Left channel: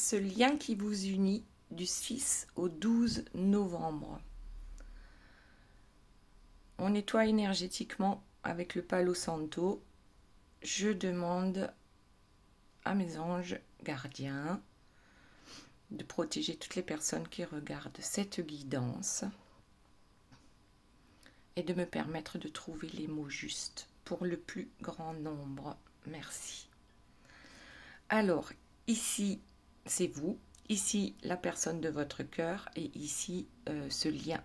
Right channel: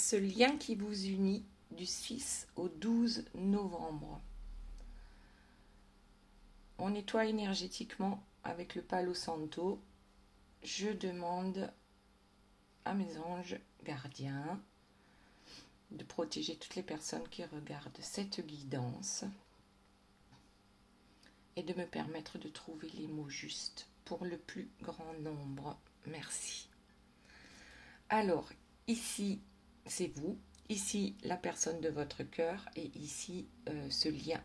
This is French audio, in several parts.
ce lien qui vous unit du 6 au 12 novembre. On nettoie énergétiquement avec le Palo Santo. Je demande à mes anges gardiens de protéger toutes les personnes qui regardent cette guidance et de me permettre de trouver les mots justes pour le plus grand nombre. Merci. Alors, ici, c'est vous. Ici, la personne de votre cœur. Et ici, ce lien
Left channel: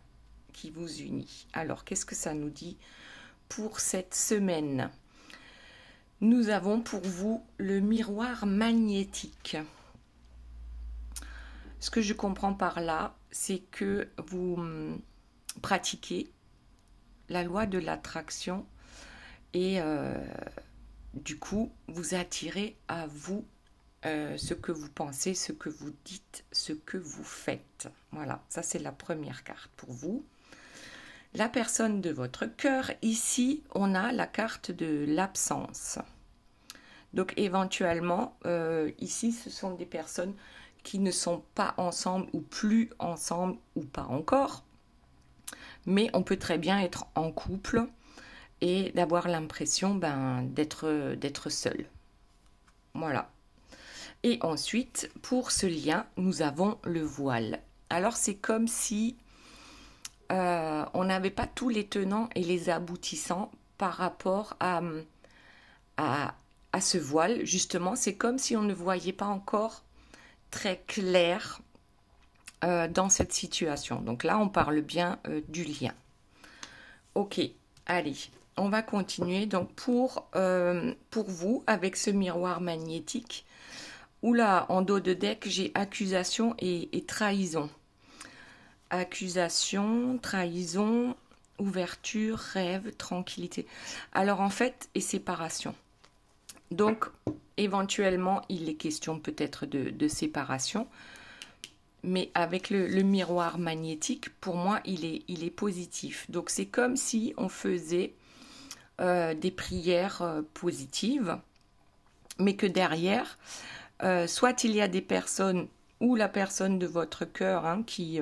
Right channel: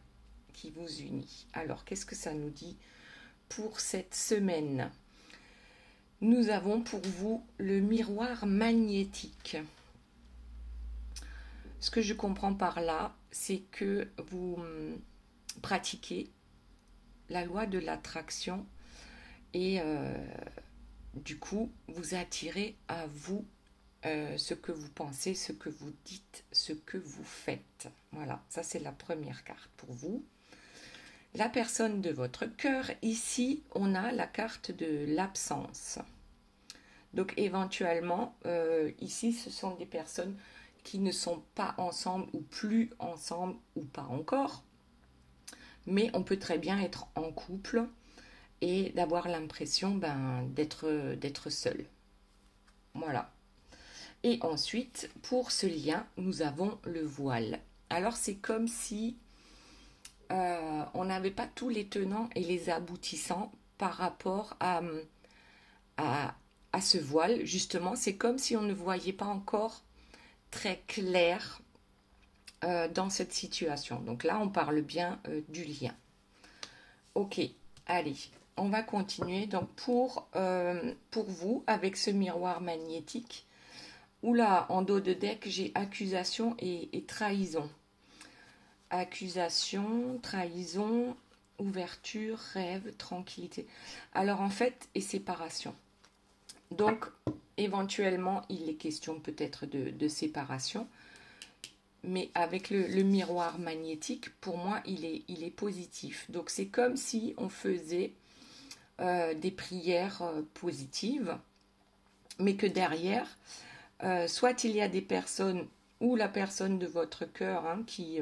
qui vous unit. Alors, qu'est-ce que ça nous dit pour cette semaine? Nous avons pour vous le miroir magnétique. Ce que je comprends par là, c'est que vous pratiquez la loi de l'attraction et du coup, vous attirez à vous ce que vous pensez, ce que vous dites, ce que vous faites. Voilà, ça c'est la première carte pour vous. La personne de votre cœur, ici, on a la carte de l'absence. Donc éventuellement, ici, ce sont des personnes qui ne sont pas ensemble ou plus ensemble ou pas encore. Mais on peut très bien être en couple et d'avoir l'impression d'être seul. Voilà. Et ensuite, pour ce lien, nous avons le voile. Alors, c'est comme si on n'avait pas tous les tenants et les aboutissants par rapport à ce voile. Justement, c'est comme si on ne voyait pas encore très clair dans cette situation. Donc là, on parle bien du lien. Ok, allez, on va continuer. Donc, pour vous, avec ce miroir magnétique, oula, en dos de deck, j'ai accusation et trahison. Accusation, trahison, ouverture, rêve, tranquillité. Alors en fait, et séparation. Donc, éventuellement, il est question peut-être de séparation. Mais avec le miroir magnétique, pour moi, il est positif. Donc, c'est comme si on faisait des prières positives, mais que derrière, soit il y a des personnes ou la personne de votre cœur qui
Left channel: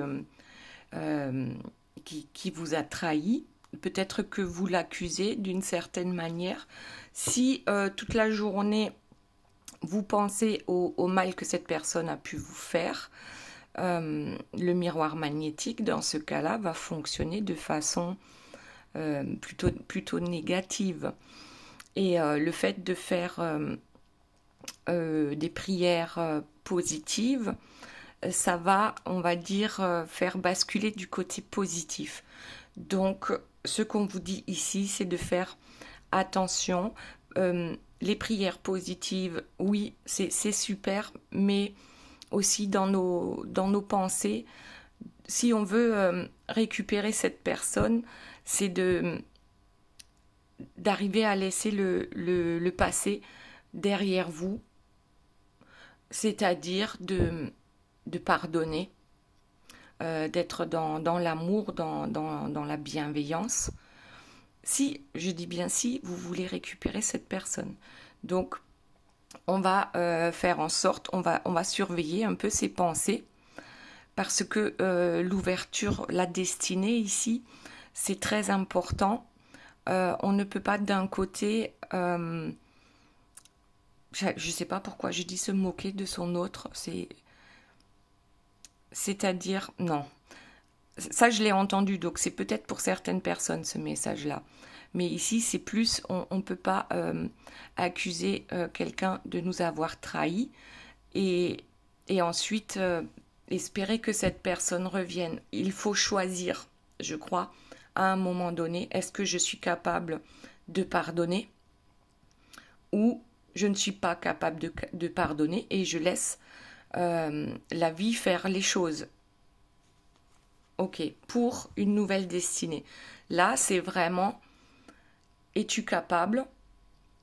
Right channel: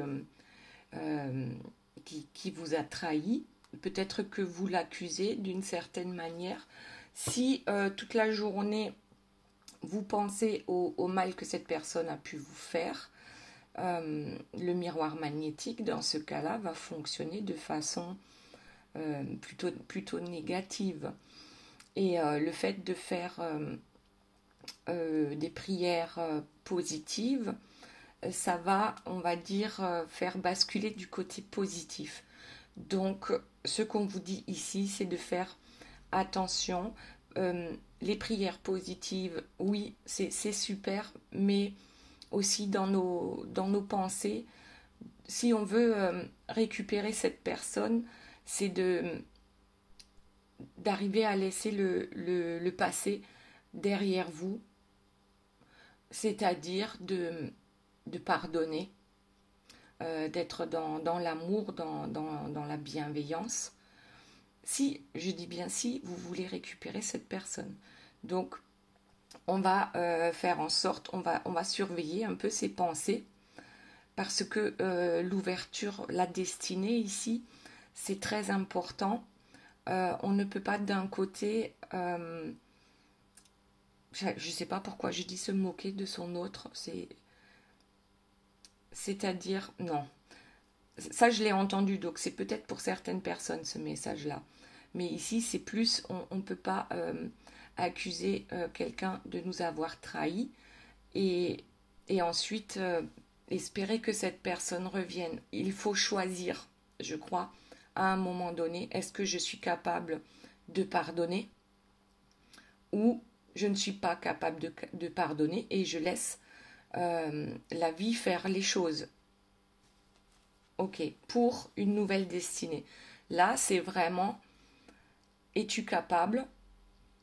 vous a trahi, peut-être que vous l'accusez d'une certaine manière. Si toute la journée, vous pensez au mal que cette personne a pu vous faire, le miroir magnétique, dans ce cas-là, va fonctionner de façon plutôt négative. Et le fait de faire des prières positives, ça va, on va dire, faire basculer du côté positif. Donc, ce qu'on vous dit ici, c'est de faire attention. Les prières positives, oui, c'est super, mais aussi dans nos pensées, si on veut récupérer cette personne, c'est d'arriver à laisser le passé derrière vous, c'est-à-dire de pardonner, d'être dans l'amour, dans la bienveillance. Si, je dis bien si, vous voulez récupérer cette personne. Donc, on va faire en sorte, on va surveiller un peu ses pensées, parce que l'ouverture, la destinée ici, c'est très important. On ne peut pas d'un côté, je ne sais pas pourquoi je dis se moquer de son autre, c'est-à-dire, non. Ça, je l'ai entendu, donc c'est peut-être pour certaines personnes ce message-là. Mais ici, c'est plus, on ne peut pas accuser quelqu'un de nous avoir trahis et ensuite espérer que cette personne revienne. Il faut choisir, je crois, à un moment donné, est-ce que je suis capable de pardonner ou je ne suis pas capable de pardonner et je laisse la vie faire les choses. Ok, pour une nouvelle destinée. Là, c'est vraiment, es-tu capable,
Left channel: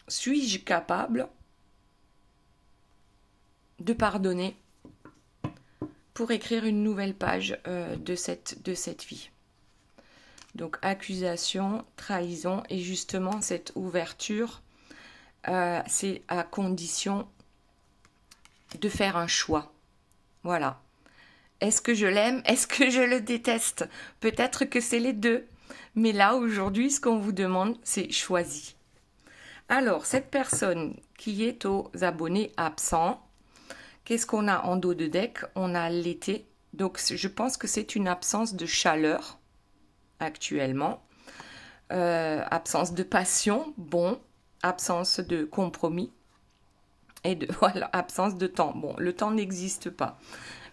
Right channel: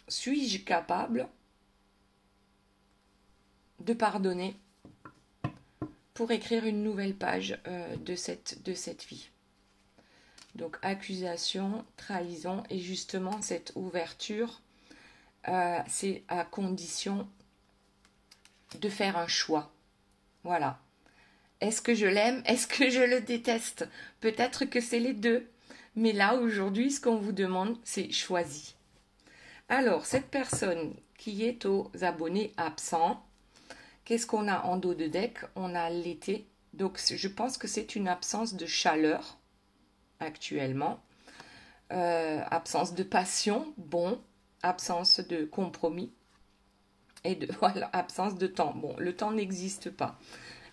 suis-je capable de pardonner pour écrire une nouvelle page de cette vie. Donc, accusation, trahison et justement cette ouverture, c'est à condition de faire un choix. Voilà. Est-ce que je l'aime? Est-ce que je le déteste? Peut-être que c'est les deux. Mais là, aujourd'hui, ce qu'on vous demande, c'est choisi. Alors, cette personne qui est aux abonnés absents, qu'est-ce qu'on a en dos de deck? On a l'été. Donc, je pense que c'est une absence de chaleur actuellement. Absence de passion, bon. Absence de compromis. Et de, voilà, absence de temps. Bon, le temps n'existe pas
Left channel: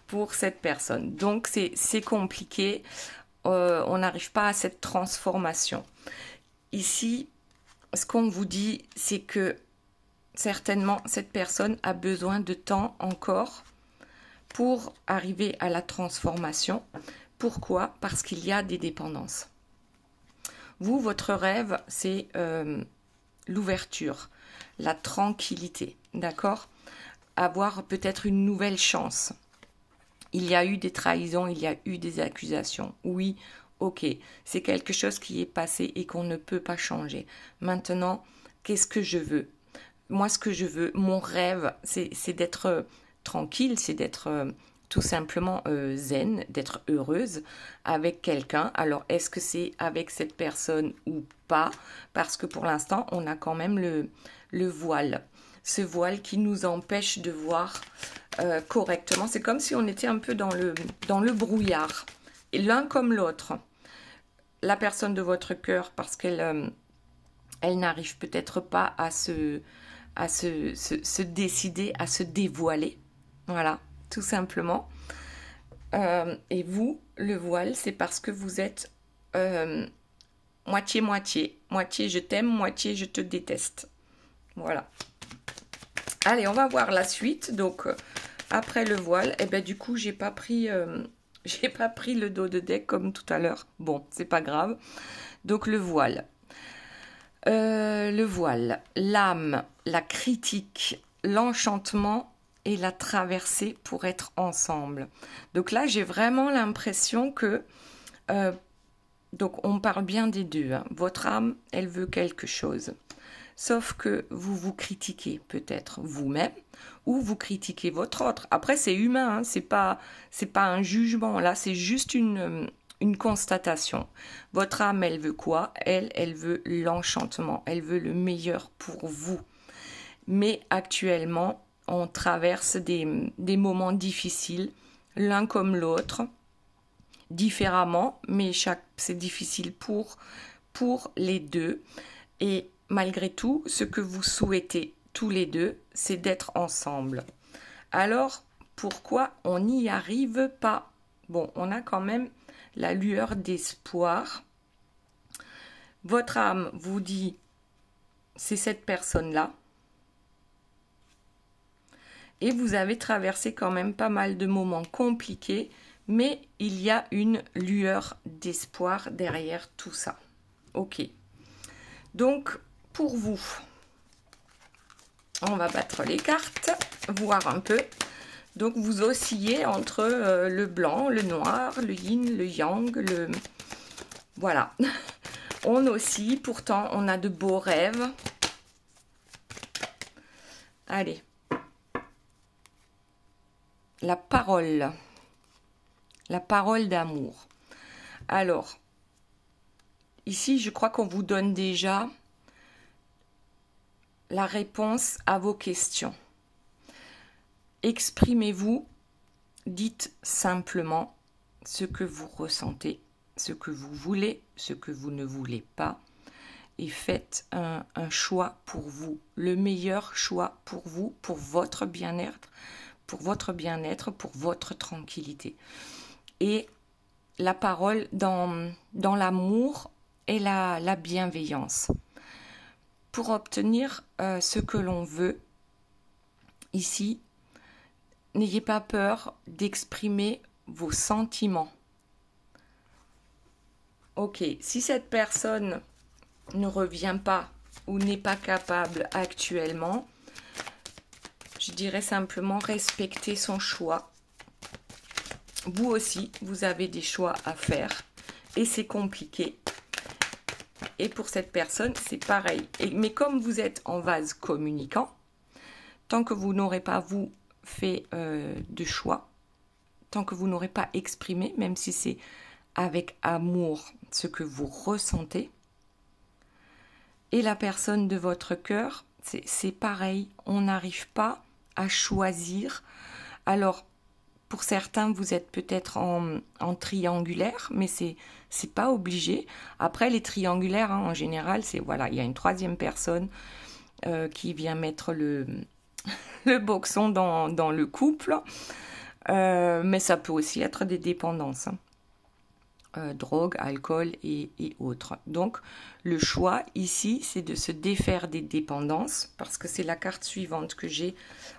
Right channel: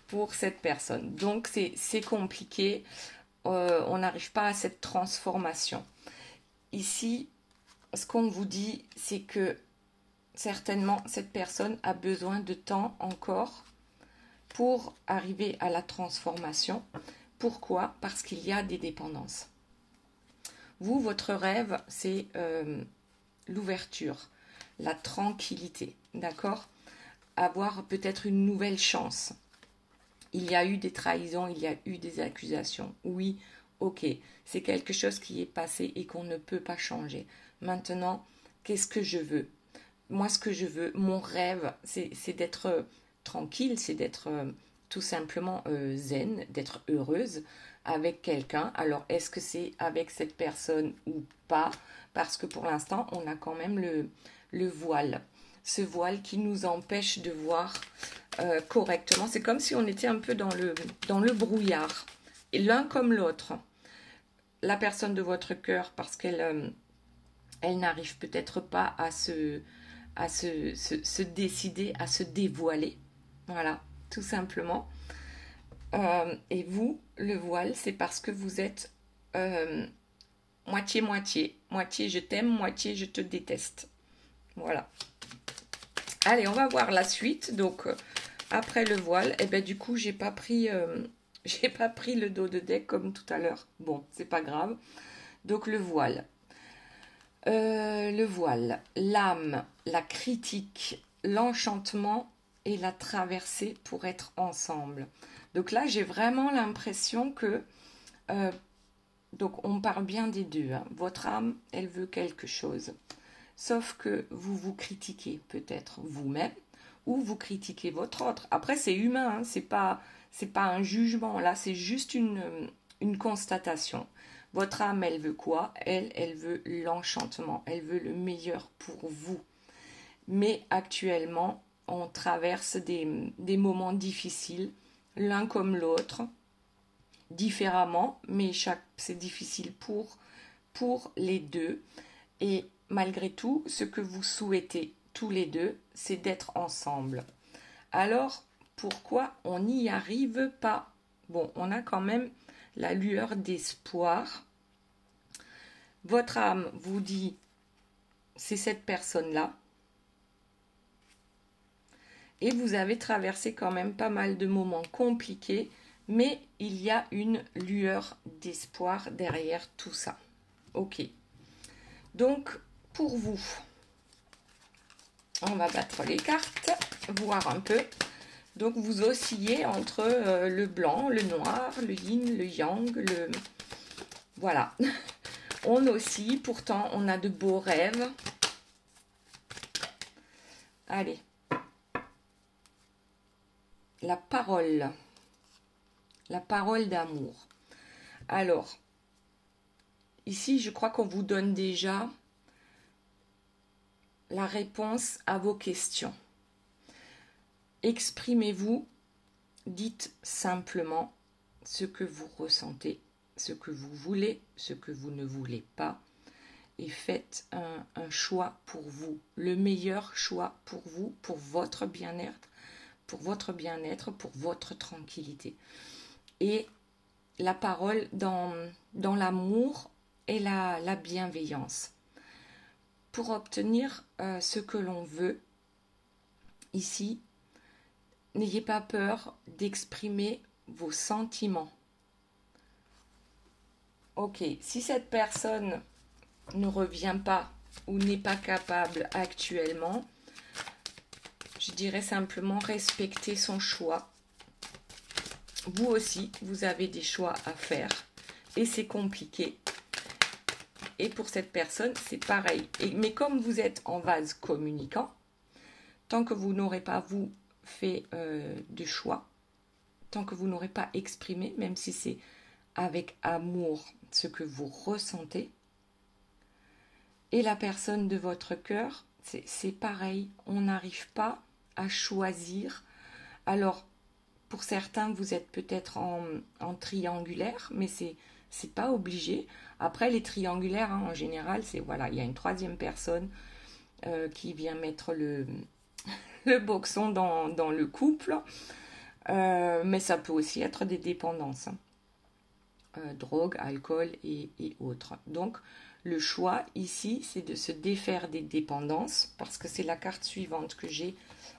pour cette personne. Donc, c'est compliqué. On n'arrive pas à cette transformation. Ici, ce qu'on vous dit, c'est que certainement, cette personne a besoin de temps encore pour arriver à la transformation. Pourquoi? Parce qu'il y a des dépendances. Vous, votre rêve, c'est l'ouverture, la tranquillité, d'accord? Avoir peut-être une nouvelle chance. Il y a eu des trahisons, il y a eu des accusations. Oui, ok, c'est quelque chose qui est passé et qu'on ne peut pas changer. Maintenant, qu'est-ce que je veux? Moi, ce que je veux, mon rêve, c'est d'être tranquille, c'est d'être tout simplement zen, d'être heureuse avec quelqu'un. Alors, est-ce que c'est avec cette personne ou pas? Parce que pour l'instant, on a quand même le voile. Ce voile qui nous empêche de voir correctement. C'est comme si on était un peu dans le brouillard. Et l'un comme l'autre. La personne de votre cœur, parce qu'elle elle n'arrive peut-être pas à se décider, à se dévoiler. Voilà, tout simplement. Et vous, le voile, c'est parce que vous êtes moitié-moitié. Moitié je t'aime, moitié je te déteste. Voilà. Allez, on va voir la suite. Donc, après le voile, et ben du coup, j'ai pas pris le dos de deck comme tout à l'heure. Bon, c'est pas grave. Donc, le voile. L'âme, la critique, l'enchantement et la traversée pour être ensemble. Donc là, j'ai vraiment l'impression que... donc, on parle bien des deux. Hein. Votre âme, elle veut quelque chose. Sauf que vous vous critiquez peut-être vous-même ou vous critiquez votre autre. Après, c'est humain, hein, c'est pas un jugement. Là, c'est juste une constatation. Votre âme, elle veut quoi? Elle veut l'enchantement. Elle veut le meilleur pour vous. Mais actuellement, on traverse des moments difficiles, l'un comme l'autre, différemment, mais c'est difficile pour les deux. Et malgré tout, ce que vous souhaitez tous les deux, c'est d'être ensemble. Alors, pourquoi on n'y arrive pas? Bon, on a quand même la lueur d'espoir. Votre âme vous dit, c'est cette personne-là. Et vous avez traversé quand même pas mal de moments compliqués, mais il y a une lueur d'espoir derrière tout ça. Ok. Donc, pour vous, on va battre les cartes, voir un peu. Donc, vous oscillez entre le blanc, le noir, le yin, le yang, le... Voilà. On oscille, pourtant, on a de beaux rêves. Allez. La parole d'amour. Alors, ici, je crois qu'on vous donne déjà la réponse à vos questions. Exprimez-vous, dites simplement ce que vous ressentez, ce que vous voulez, ce que vous ne voulez pas, et faites un choix pour vous, le meilleur choix pour vous, pour votre bien-être, pour votre tranquillité. Et la parole dans l'amour et la bienveillance. Pour obtenir ce que l'on veut, ici, n'ayez pas peur d'exprimer vos sentiments. Ok, si cette personne ne revient pas ou n'est pas capable actuellement, je dirais simplement respecter son choix. Vous aussi, vous avez des choix à faire et c'est compliqué. Et pour cette personne, c'est pareil. Mais comme vous êtes en vase communicant, tant que vous n'aurez pas, vous, fait de choix, tant que vous n'aurez pas exprimé, même si c'est avec amour, ce que vous ressentez. Et la personne de votre cœur, c'est pareil, on n'arrive pas à choisir. Alors, pour certains, vous êtes peut-être en triangulaire, mais c'est pas obligé. Après, les triangulaires, hein, en général, c'est voilà, il y a une troisième personne qui vient mettre le boxon dans le couple. Mais ça peut aussi être des dépendances. Hein. Drogue, alcool et autres. Donc, le choix ici, c'est de se défaire des dépendances, parce que c'est la carte suivante que j'ai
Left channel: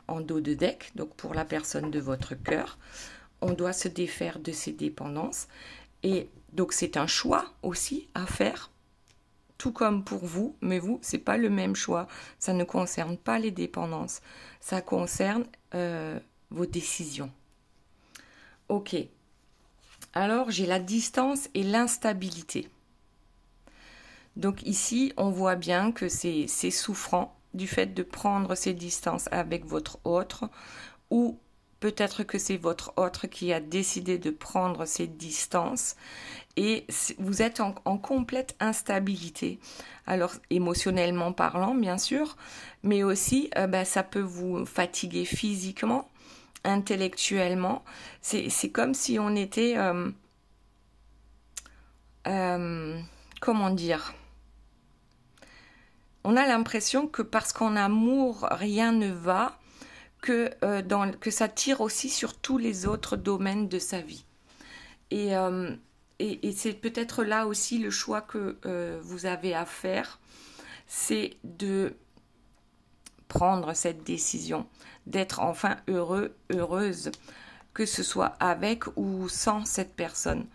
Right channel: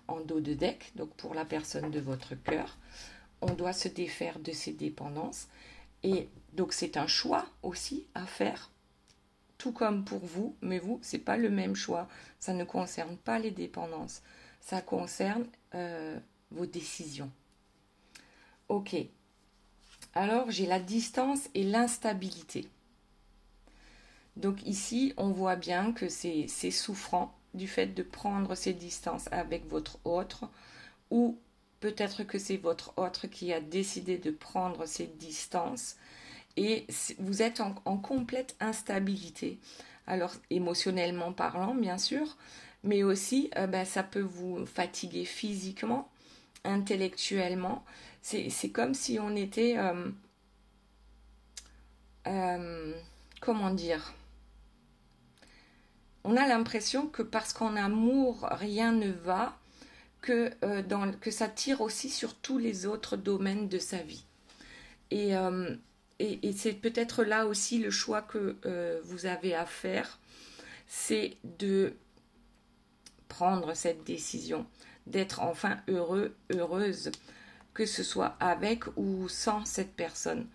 en dos de deck. Donc, pour la personne de votre cœur, on doit se défaire de ces dépendances. Et donc, c'est un choix aussi à faire, tout comme pour vous, mais vous, c'est pas le même choix. Ça ne concerne pas les dépendances. Ça concerne vos décisions. Ok. Alors, j'ai la distance et l'instabilité. Donc ici, on voit bien que c'est souffrant du fait de prendre ces distances avec votre autre, ou peut-être que c'est votre autre qui a décidé de prendre ces distances, et vous êtes en complète instabilité. Alors, émotionnellement parlant, bien sûr, mais aussi, ça peut vous fatiguer physiquement, intellectuellement. C'est comme si on était... comment dire ? On a l'impression que parce qu'en amour, rien ne va, que ça tire aussi sur tous les autres domaines de sa vie. Et c'est peut-être là aussi le choix que vous avez à faire, c'est de prendre cette décision, d'être enfin heureux, heureuse, que ce soit avec ou sans cette personne.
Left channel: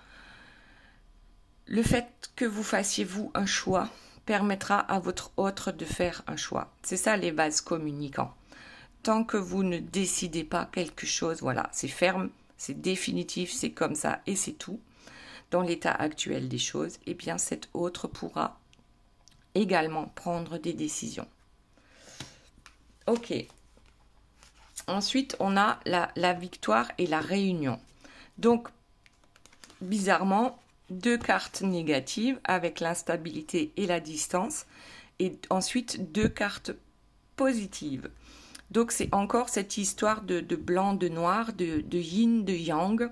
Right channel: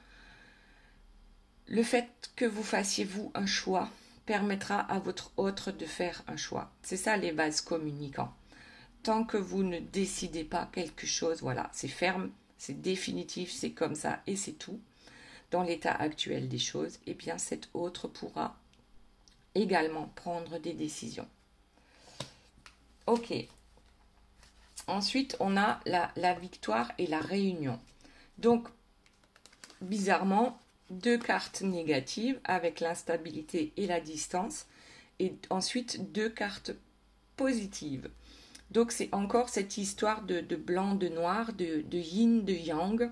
Le fait que vous fassiez vous un choix permettra à votre autre de faire un choix. C'est ça les vases communicants. Tant que vous ne décidez pas quelque chose, voilà, c'est ferme, c'est définitif, c'est comme ça et c'est tout. Dans l'état actuel des choses, eh bien cet autre pourra également prendre des décisions. Ok. Ensuite, on a la victoire et la réunion. Donc, bizarrement, 2 cartes négatives avec l'instabilité et la distance, et ensuite 2 cartes positives. Donc c'est encore cette histoire de blanc, de noir, de yin, de yang.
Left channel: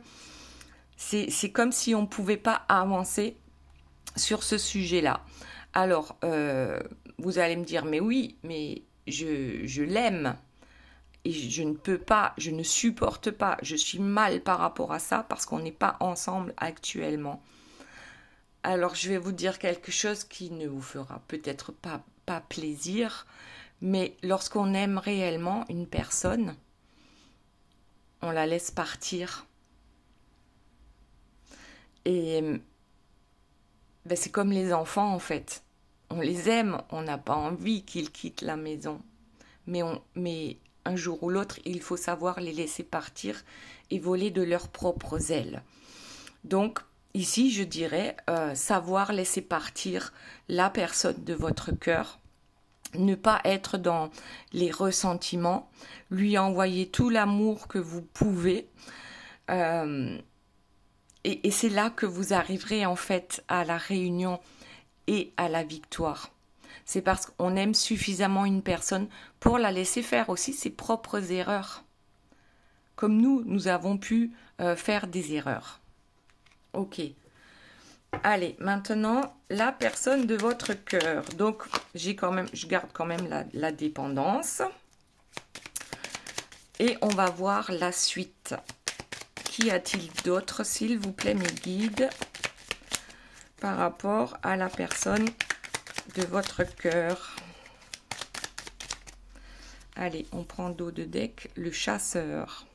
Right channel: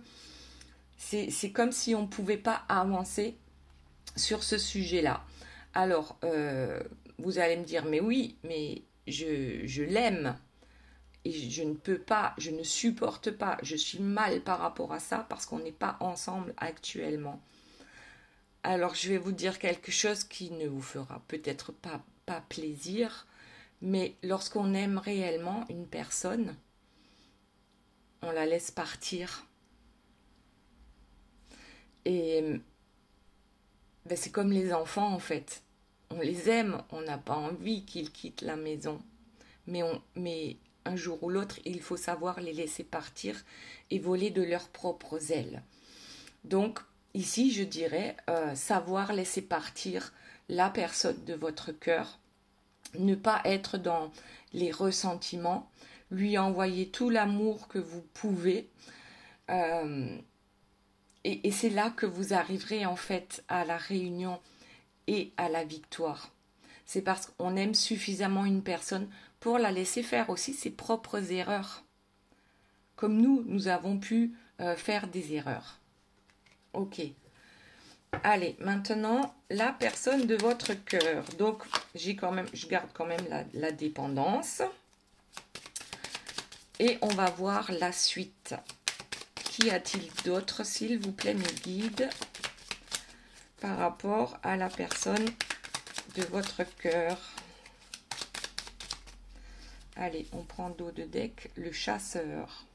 C'est comme si on ne pouvait pas avancer sur ce sujet-là. Alors, vous allez me dire, mais oui, mais je l'aime. Et je ne peux pas, je ne supporte pas, je suis mal par rapport à ça parce qu'on n'est pas ensemble actuellement. Alors, je vais vous dire quelque chose qui ne vous fera peut-être pas plaisir, mais lorsqu'on aime réellement une personne, on la laisse partir. Et c'est comme les enfants, en fait. On les aime, on n'a pas envie qu'ils quittent la maison. Mais un jour ou l'autre, il faut savoir les laisser partir et voler de leurs propres ailes. Donc, ici, je dirais savoir laisser partir la personne de votre cœur, ne pas être dans les ressentiments, lui envoyer tout l'amour que vous pouvez. Et c'est là que vous arriverez en fait à la réunion et à la victoire. C'est parce qu'on aime suffisamment une personne pour la laisser faire aussi ses propres erreurs. Comme nous avons pu faire des erreurs. Ok. Allez, maintenant, la personne de votre cœur. Donc, je garde quand même la dépendance. Et on va voir la suite. Qu'y a-t-il d'autre, s'il vous plaît, mes guides, par rapport à la personne de votre cœur? Allez, on prend dos de deck, le chasseur.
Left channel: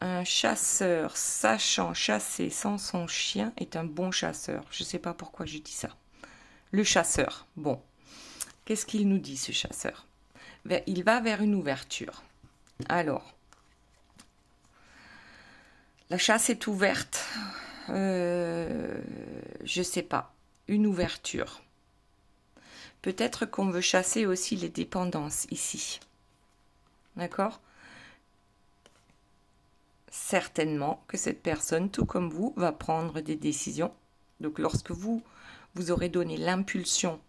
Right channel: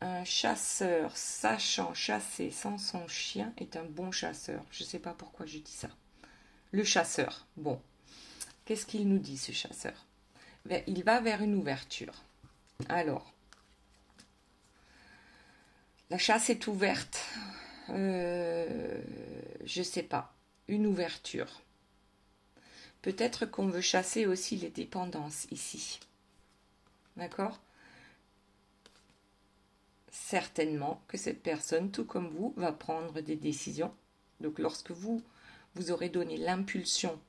Un chasseur sachant chasser sans son chien est un bon chasseur. Je ne sais pas pourquoi je dis ça. Le chasseur, bon. Qu'est-ce qu'il nous dit, ce chasseur? Il va vers une ouverture. Alors, la chasse est ouverte. Je ne sais pas. Une ouverture. Peut-être qu'on veut chasser aussi les dépendances ici. D'accord ? certainement que cette personne, tout comme vous, va prendre des décisions. Donc lorsque vous aurez donné l'impulsion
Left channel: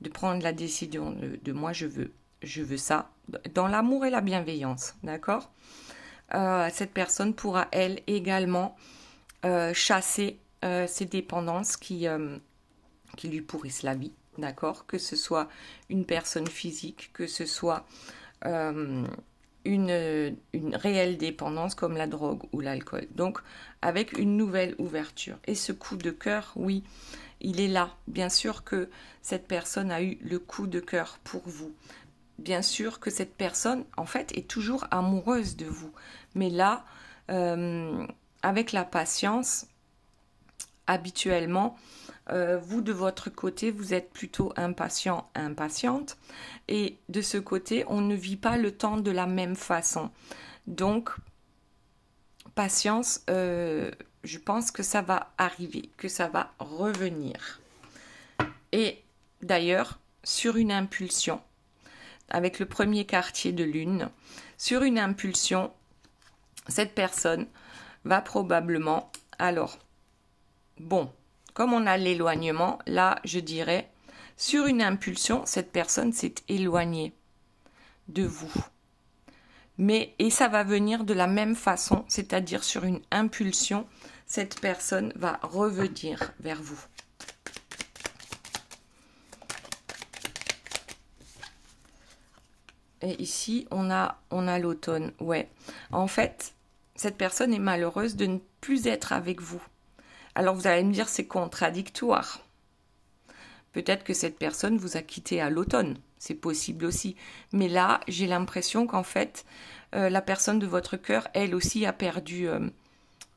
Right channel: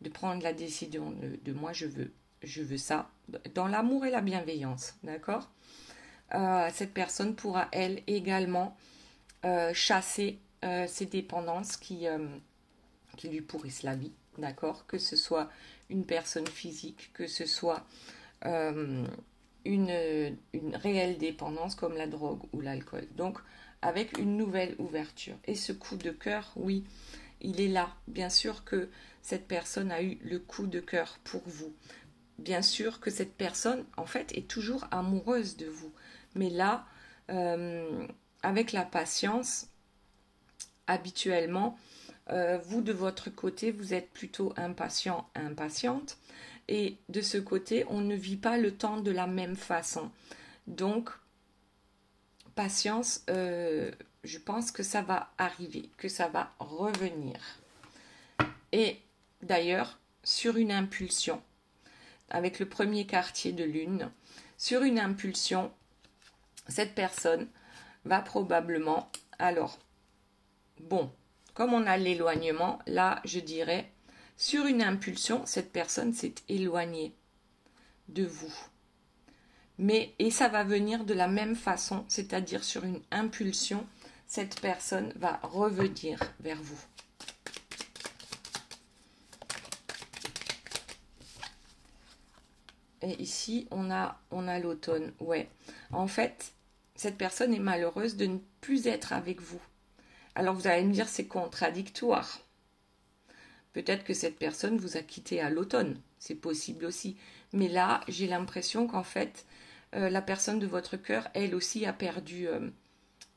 de prendre la décision de moi je veux ça, dans l'amour et la bienveillance, d'accord, cette personne pourra elle également chasser ces dépendances qui lui pourrissent la vie, d'accord, que ce soit une personne physique, que ce soit une réelle dépendance comme la drogue ou l'alcool. Donc avec une nouvelle ouverture. Et ce coup de cœur, oui, il est là. Bien sûr que cette personne a eu le coup de cœur pour vous. Bien sûr que cette personne, en fait, est toujours amoureuse de vous. Mais là, avec la patience, habituellement, vous, de votre côté, vous êtes plutôt impatient, impatiente. Et de ce côté, on ne vit pas le temps de la même façon. Donc, patience, je pense que ça va arriver, que ça va revenir. Et d'ailleurs, sur une impulsion, avec le premier quartier de lune, sur une impulsion, cette personne va probablement, alors, bon, comme on a l'éloignement, là, je dirais, sur une impulsion, cette personne s'est éloignée de vous. Mais, et ça va venir de la même façon, c'est-à-dire sur une impulsion, cette personne va revenir vers vous. Et ici, on a l'automne. Ouais. En fait, cette personne est malheureuse de ne plus être avec vous. Alors vous allez me dire, c'est contradictoire. Peut-être que cette personne vous a quitté à l'automne. C'est possible aussi. Mais là, j'ai l'impression qu'en fait, la personne de votre cœur, elle aussi, a perdu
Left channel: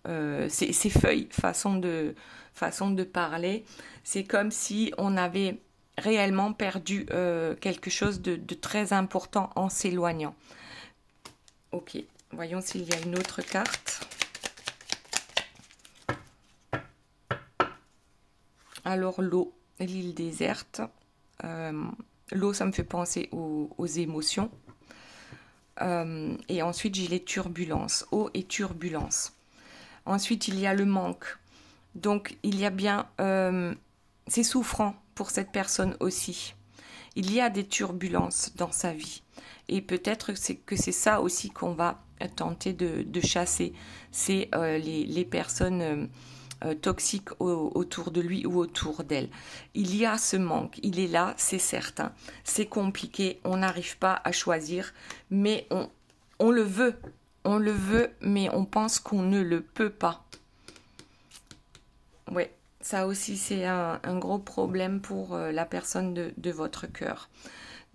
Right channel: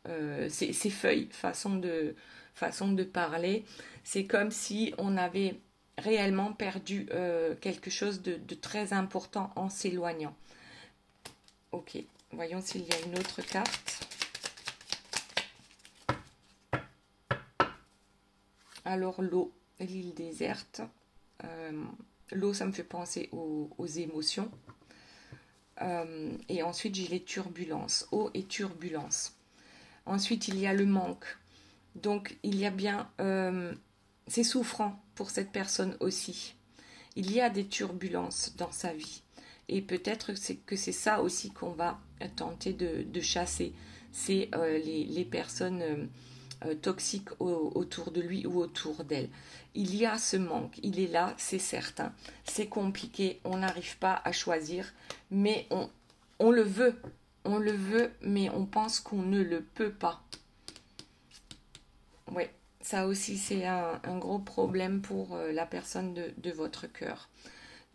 ses feuilles, façon de parler. C'est comme si on avait réellement perdu quelque chose de très important en s'éloignant. Ok, voyons s'il y a une autre carte. Alors l'eau, l'île déserte. L'eau, ça me fait penser aux émotions. Et ensuite, j'ai les turbulences. Eau et turbulence. Ensuite, il y a le manque. Donc, il y a bien... c'est souffrant pour cette personne aussi. Il y a des turbulences dans sa vie. Et peut-être que c'est ça aussi qu'on va tenter de chasser. C'est les personnes toxiques autour de lui ou autour d'elle. Il y a ce manque. Il est là, c'est certain. C'est compliqué. On n'arrive pas à choisir. Mais on le veut. On le veut, mais on pense qu'on ne le peut pas. Ouais. Ça aussi, c'est un gros problème pour la personne de votre cœur.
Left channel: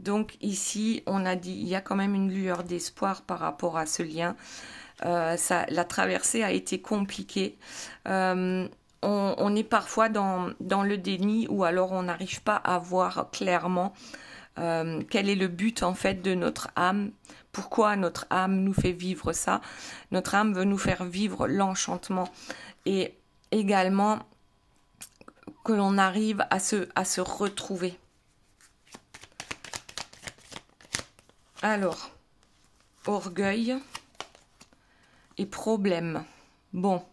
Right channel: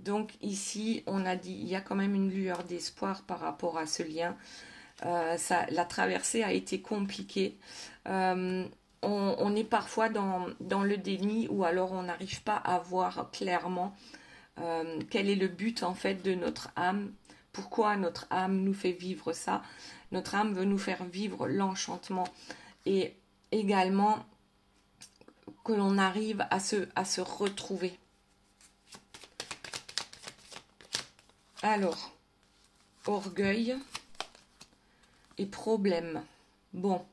Donc ici, on a dit, il y a quand même une lueur d'espoir par rapport à ce lien. La traversée a été compliquée. On est parfois dans le déni ou alors on n'arrive pas à voir clairement quel est le but en fait de notre âme. Pourquoi notre âme nous fait vivre ça? Notre âme veut nous faire vivre l'enchantement et également que l'on arrive à se retrouver. Alors, orgueil et problème. Bon,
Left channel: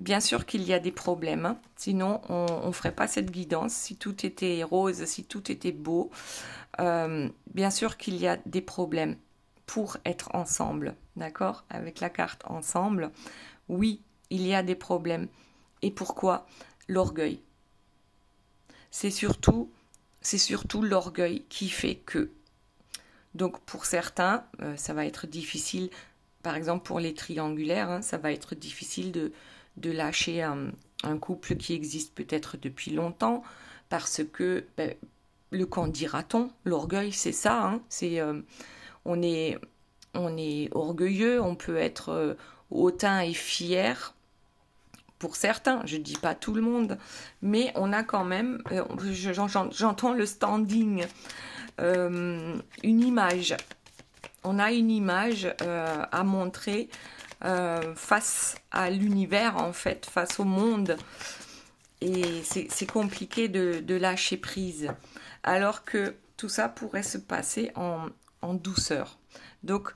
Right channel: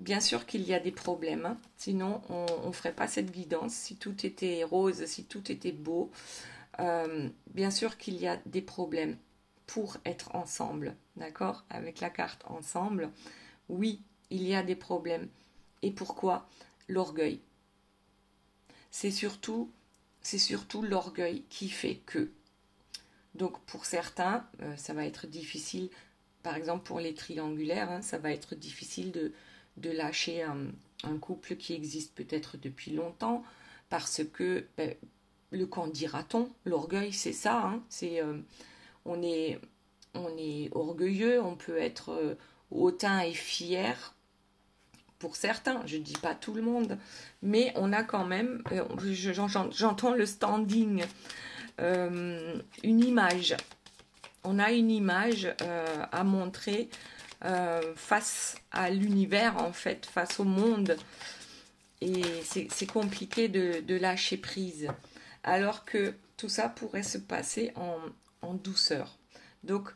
bien sûr qu'il y a des problèmes, hein. Sinon on ne ferait pas cette guidance. Si tout était rose, si tout était beau, bien sûr qu'il y a des problèmes pour être ensemble, d'accord? Avec la carte ensemble, oui, il y a des problèmes. Et pourquoi? L'orgueil. C'est surtout l'orgueil qui fait que. Donc pour certains, ça va être difficile, par exemple pour les triangulaires, hein, ça va être difficile de lâcher un couple qui existe peut-être depuis longtemps, parce que le qu'en dira-t-on, l'orgueil c'est ça, hein, on est orgueilleux, on peut être hautain et fier. Pour certains, je ne dis pas tout le monde, mais on a quand même, j'entends le standing, une image. On a une image à montrer face à l'univers, en fait, face au monde. Et c'est compliqué de lâcher prise. Alors que tout ça pourrait se passer en douceur. Donc,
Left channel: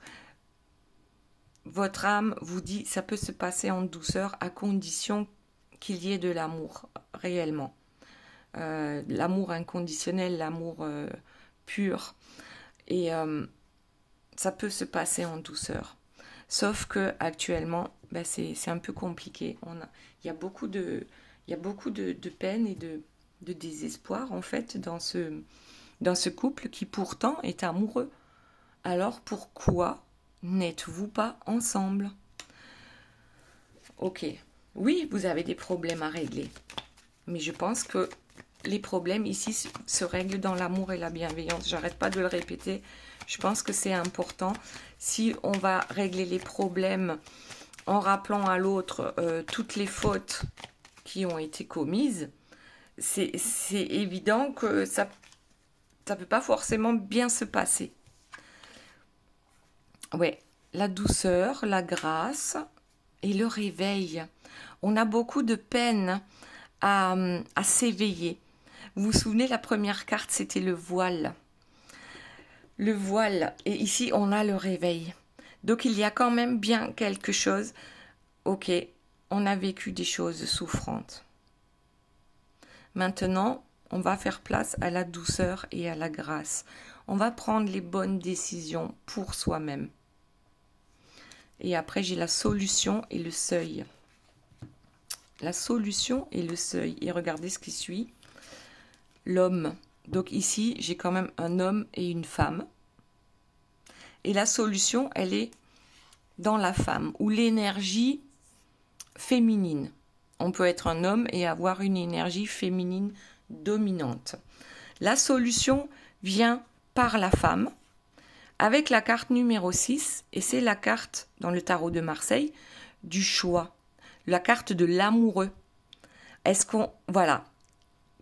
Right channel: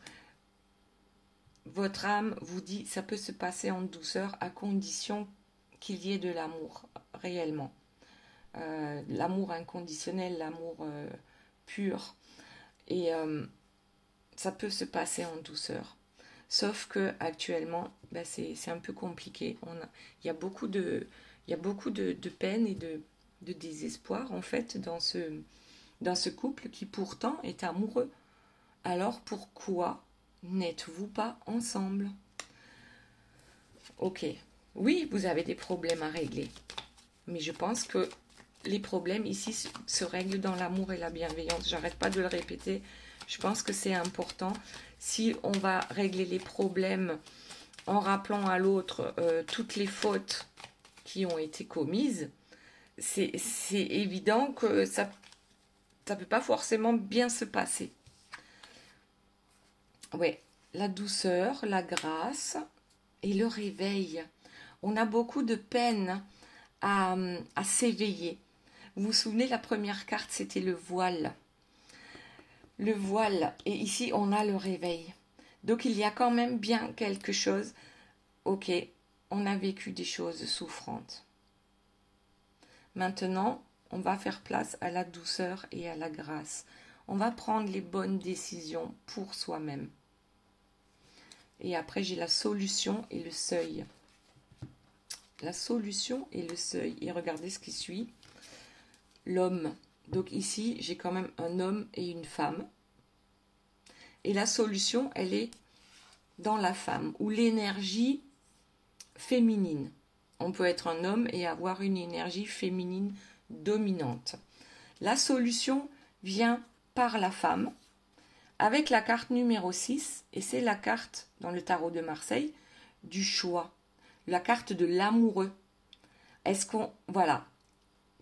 votre âme vous dit ça peut se passer en douceur à condition qu'il y ait de l'amour réellement. L'amour inconditionnel, l'amour pur. Et ça peut se passer en douceur. Sauf que actuellement, ben c'est un peu compliqué. Il y a beaucoup de peine et de désespoir en fait dans ce couple qui pourtant est amoureux. Alors pourquoi n'êtes-vous pas ensemble? Ok, oui, vous avez des problèmes à régler. Mais je pense que les problèmes ici se règlent dans l'amour et la bienveillance. J'arrête pas de le répéter. Je pense que c'est important. Si on va régler les problèmes en rappelant à l'autre toutes les fautes qui ont été commises, c'est évident que ça ne peut pas forcément bien se passer. Ouais, la douceur, la grâce et le réveil. On a beaucoup de peine à s'éveiller. Vous vous souvenez, la première carte, c'était le voile. Le voile. Et ici, on a le réveil. Donc, il y a quand même bien quelque chose. Ok, on a vécu des choses souffrantes. Maintenant, on va faire place à la douceur et à la grâce. On va prendre les bonnes décisions pour soi-même. Et après, j'ai la solution et le seuil. La solution et le seuil. Et regardez ce qui suit. L'homme. Donc ici, j'ai quand même un homme et une femme. Et la solution, elle est dans la femme, ou l'énergie féminine. On peut être un homme et avoir une énergie féminine dominante. La solution vient par la femme, avec la carte numéro 6, et c'est la carte, dans le tarot de Marseille, du choix. La carte de l'amoureux. Voilà,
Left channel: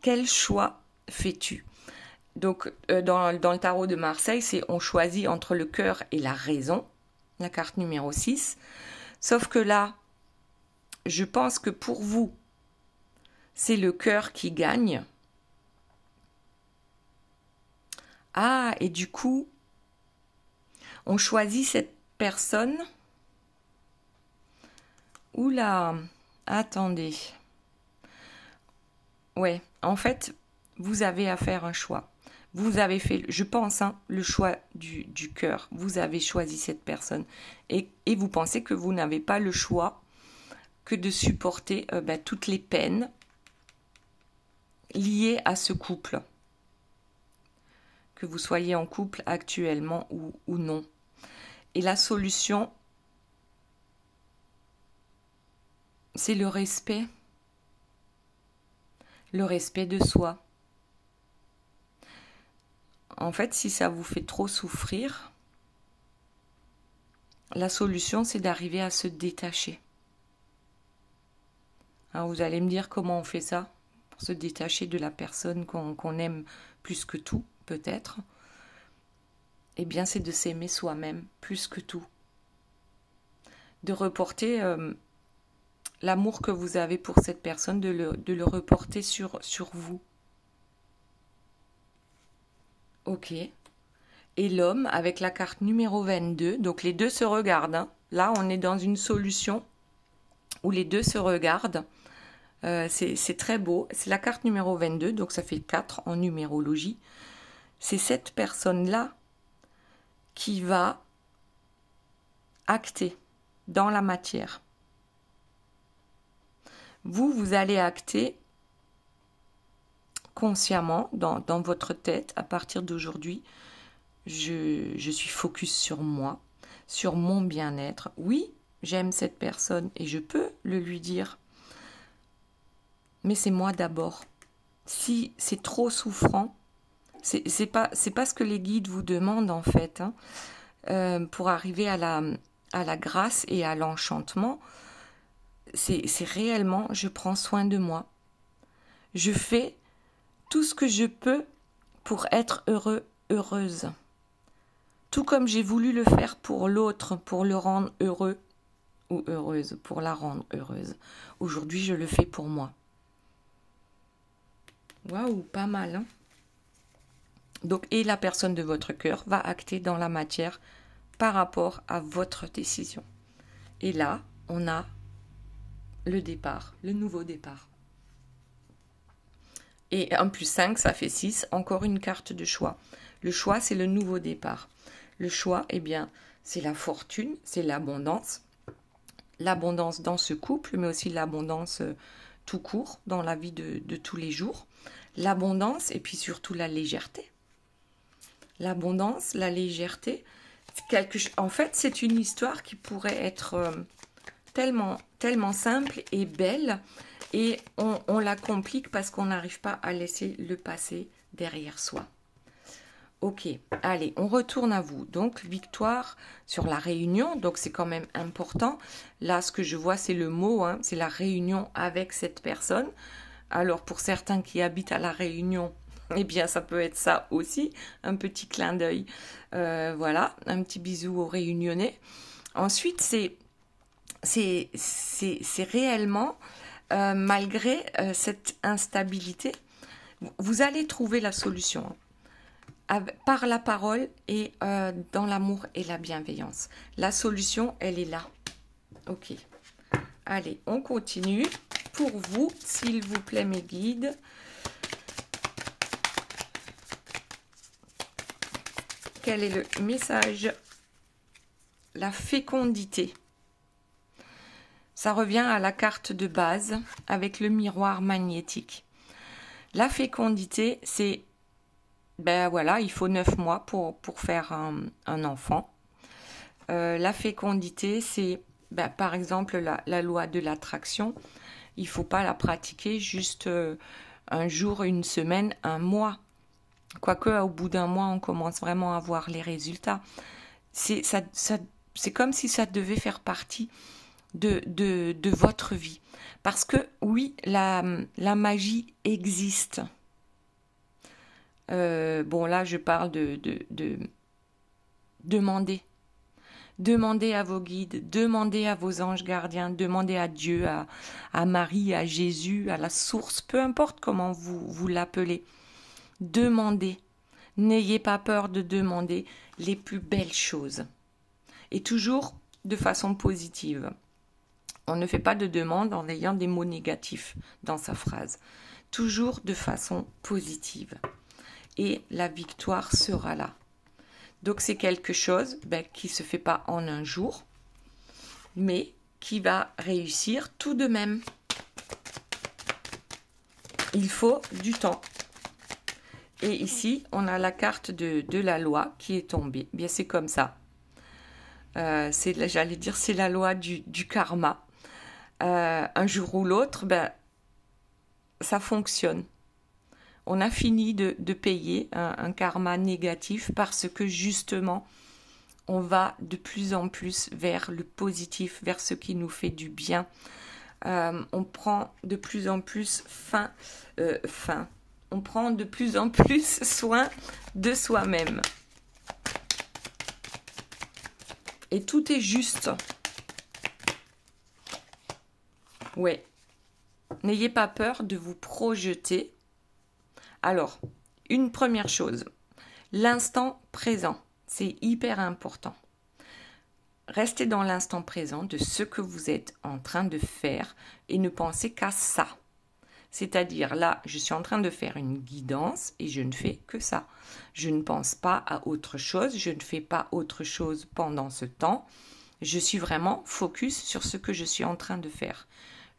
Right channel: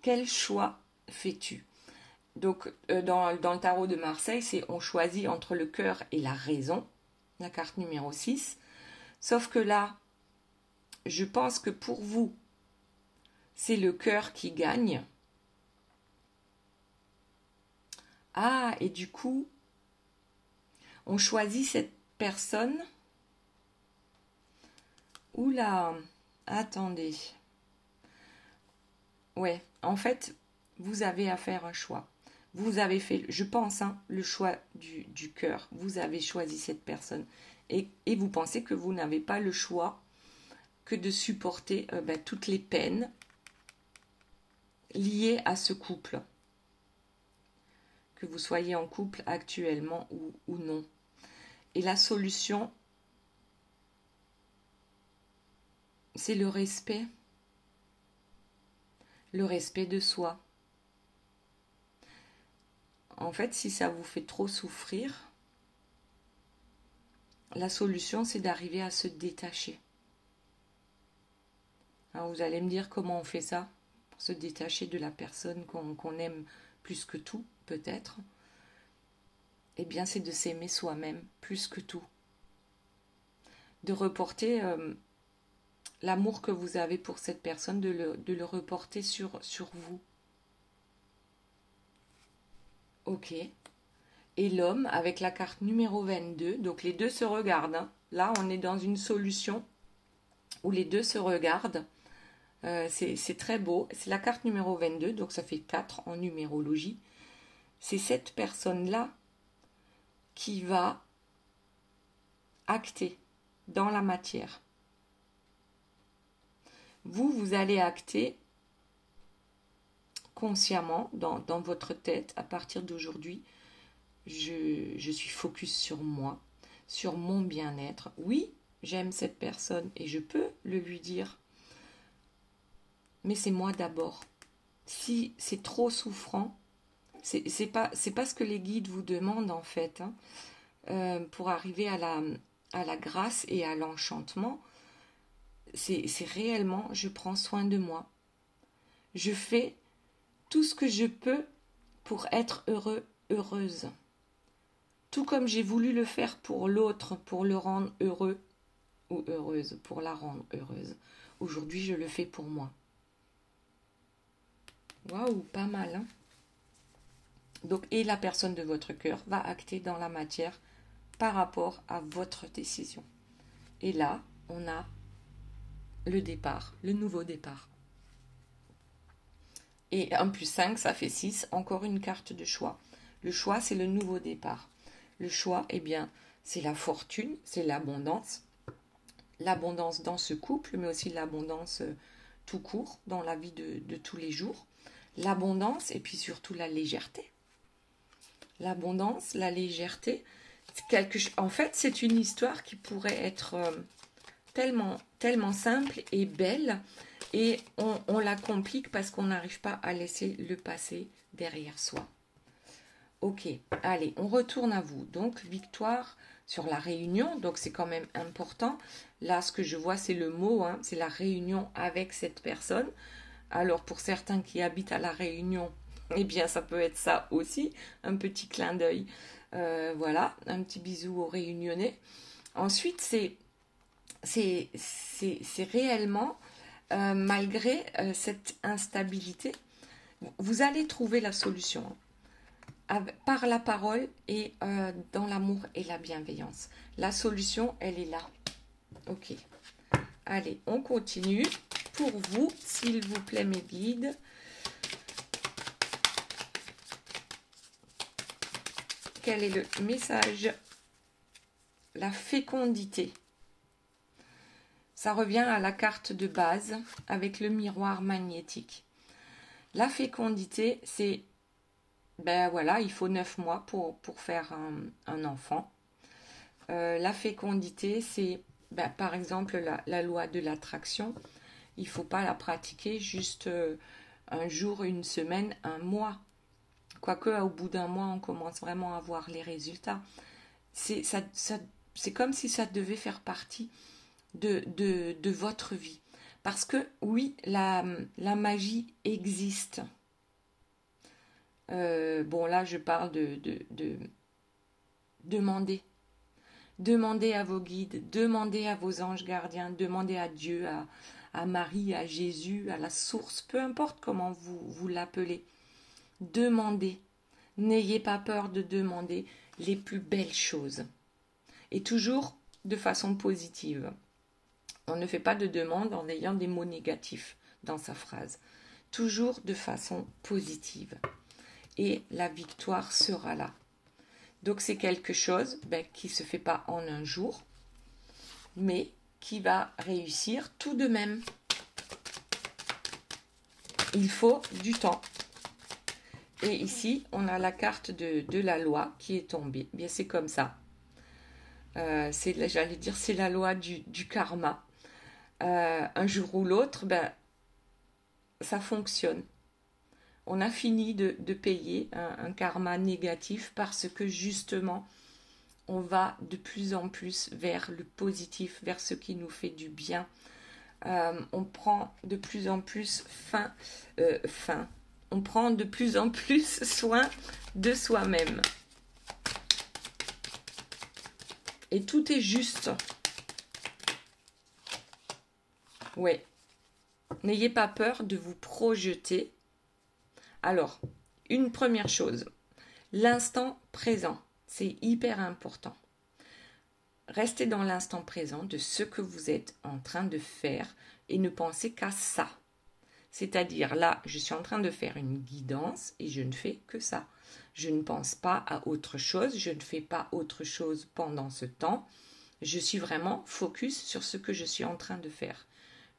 quel choix fais-tu? Donc, dans le tarot de Marseille, c'est on choisit entre le cœur et la raison, la carte numéro 6. Sauf que là, je pense que pour vous, c'est le cœur qui gagne. Ah, et du coup, on choisit cette personne. Oula, attendez. Ouais, en fait, vous avez à faire un choix. Vous avez fait, je pense, le choix du cœur. Vous avez choisi cette personne. Et vous pensez que vous n'avez pas le choix que de supporter toutes les peines liées à ce couple. Que vous soyez en couple actuellement ou non. Et la solution, c'est le respect. Le respect de soi. En fait, si ça vous fait trop souffrir, la solution, c'est d'arriver à se détacher. Alors, vous allez me dire comment on fait ça, pour se détacher de la personne qu'on aime plus que tout, peut-être. Eh bien, c'est de s'aimer soi-même plus que tout. De reporter l'amour que vous avez pour cette personne, de le reporter sur vous. Ok. Et l'homme, avec la carte numéro 22, donc les deux se regardent. Là, on est dans une solution où les deux se regardent. C'est très beau. C'est la carte numéro 22, donc ça fait 4 en numérologie. C'est cette personne-là qui va acter dans la matière. Vous allez acter consciemment dans votre tête à partir d'aujourd'hui. Je suis focus sur moi, sur mon bien-être. Oui, j'aime cette personne et je peux le lui dire. Mais c'est moi d'abord. Si c'est trop souffrant, c'est pas ce que les guides vous demandent en fait. Pour arriver à la grâce et à l'enchantement, c'est réellement, je prends soin de moi. Je fais tout ce que je peux pour être heureux, heureuse. Tout comme j'ai voulu le faire pour l'autre, pour le rendre heureux ou heureuse, pour la rendre heureuse. Aujourd'hui, je le fais pour moi. Waouh, pas mal, hein? Donc, et la personne de votre cœur va acter dans la matière par rapport à votre décision. Et là, on a le départ, le nouveau départ. Et 1 plus 5, ça fait 6. Encore une carte de choix. Le choix, c'est le nouveau départ. Le choix, eh bien, c'est la fortune, c'est l'abondance. L'abondance dans ce couple, mais aussi l'abondance tout court, dans la vie de tous les jours. L'abondance et puis surtout la légèreté. L'abondance, la légèreté, en fait, c'est une histoire qui pourrait être tellement, tellement simple et belle, et on la complique parce qu'on n'arrive pas à laisser le passé derrière soi. Ok, allez, on retourne à vous. Donc, victoire sur la réunion, donc c'est quand même important. Là, ce que je vois, c'est le mot, hein, c'est la réunion avec cette personne. Alors, pour certains qui habitent à la Réunion, eh bien, ça peut être ça aussi, un petit clin d'œil. Voilà, un petit bisou aux Réunionnais. Ensuite, c'est réellement, malgré cette instabilité, vous allez trouver la solution par la parole et dans l'amour et la bienveillance. La solution, elle est là. Ok. Allez, on continue. Pour vous, s'il vous plaît, mes guides. Quel est le message? La fécondité. Ça revient à la carte de base avec le miroir magnétique. La fécondité, c'est, ben voilà, il faut 9 mois pour faire un enfant. La fécondité, c'est, ben, par exemple, la loi de l'attraction. Il ne faut pas la pratiquer juste un jour, une semaine, un mois. Quoique, au bout d'un mois, on commence vraiment à voir les résultats. C'est comme si ça devait faire partie de votre vie. Parce que, oui, la magie existe. Bon, là, je parle de demander. Demandez à vos guides, demandez à vos anges gardiens, demandez à Dieu, à Marie, à Jésus, à la source, peu importe comment vous l'appelez. Demandez. N'ayez pas peur de demander les plus belles choses. Et toujours de façon positive. On ne fait pas de demande en ayant des mots négatifs dans sa phrase. Toujours de façon positive. Et la victoire sera là. Donc c'est quelque chose qui ne se fait pas en un jour, mais qui va réussir tout de même. Il faut du temps. Et ici, on a la carte de la loi qui est tombée. Bien, c'est comme ça. J'allais dire, c'est la loi du karma. Un jour ou l'autre, ça fonctionne. On a fini de payer un karma négatif parce que justement, on va de plus en plus vers le positif, vers ce qui nous fait du bien. On prend de plus en plus on prend de plus en plus soin de soi-même. Et tout est juste. Ouais. N'ayez pas peur de vous projeter. Alors, une première chose, l'instant présent, c'est hyper important. Restez dans l'instant présent de ce que vous êtes en train de faire et ne pensez qu'à ça. C'est-à-dire, là, je suis en train de faire une guidance et je ne fais que ça. Je ne pense pas à autre chose, je ne fais pas autre chose pendant ce temps. Je suis vraiment focus sur ce que je suis en train de faire.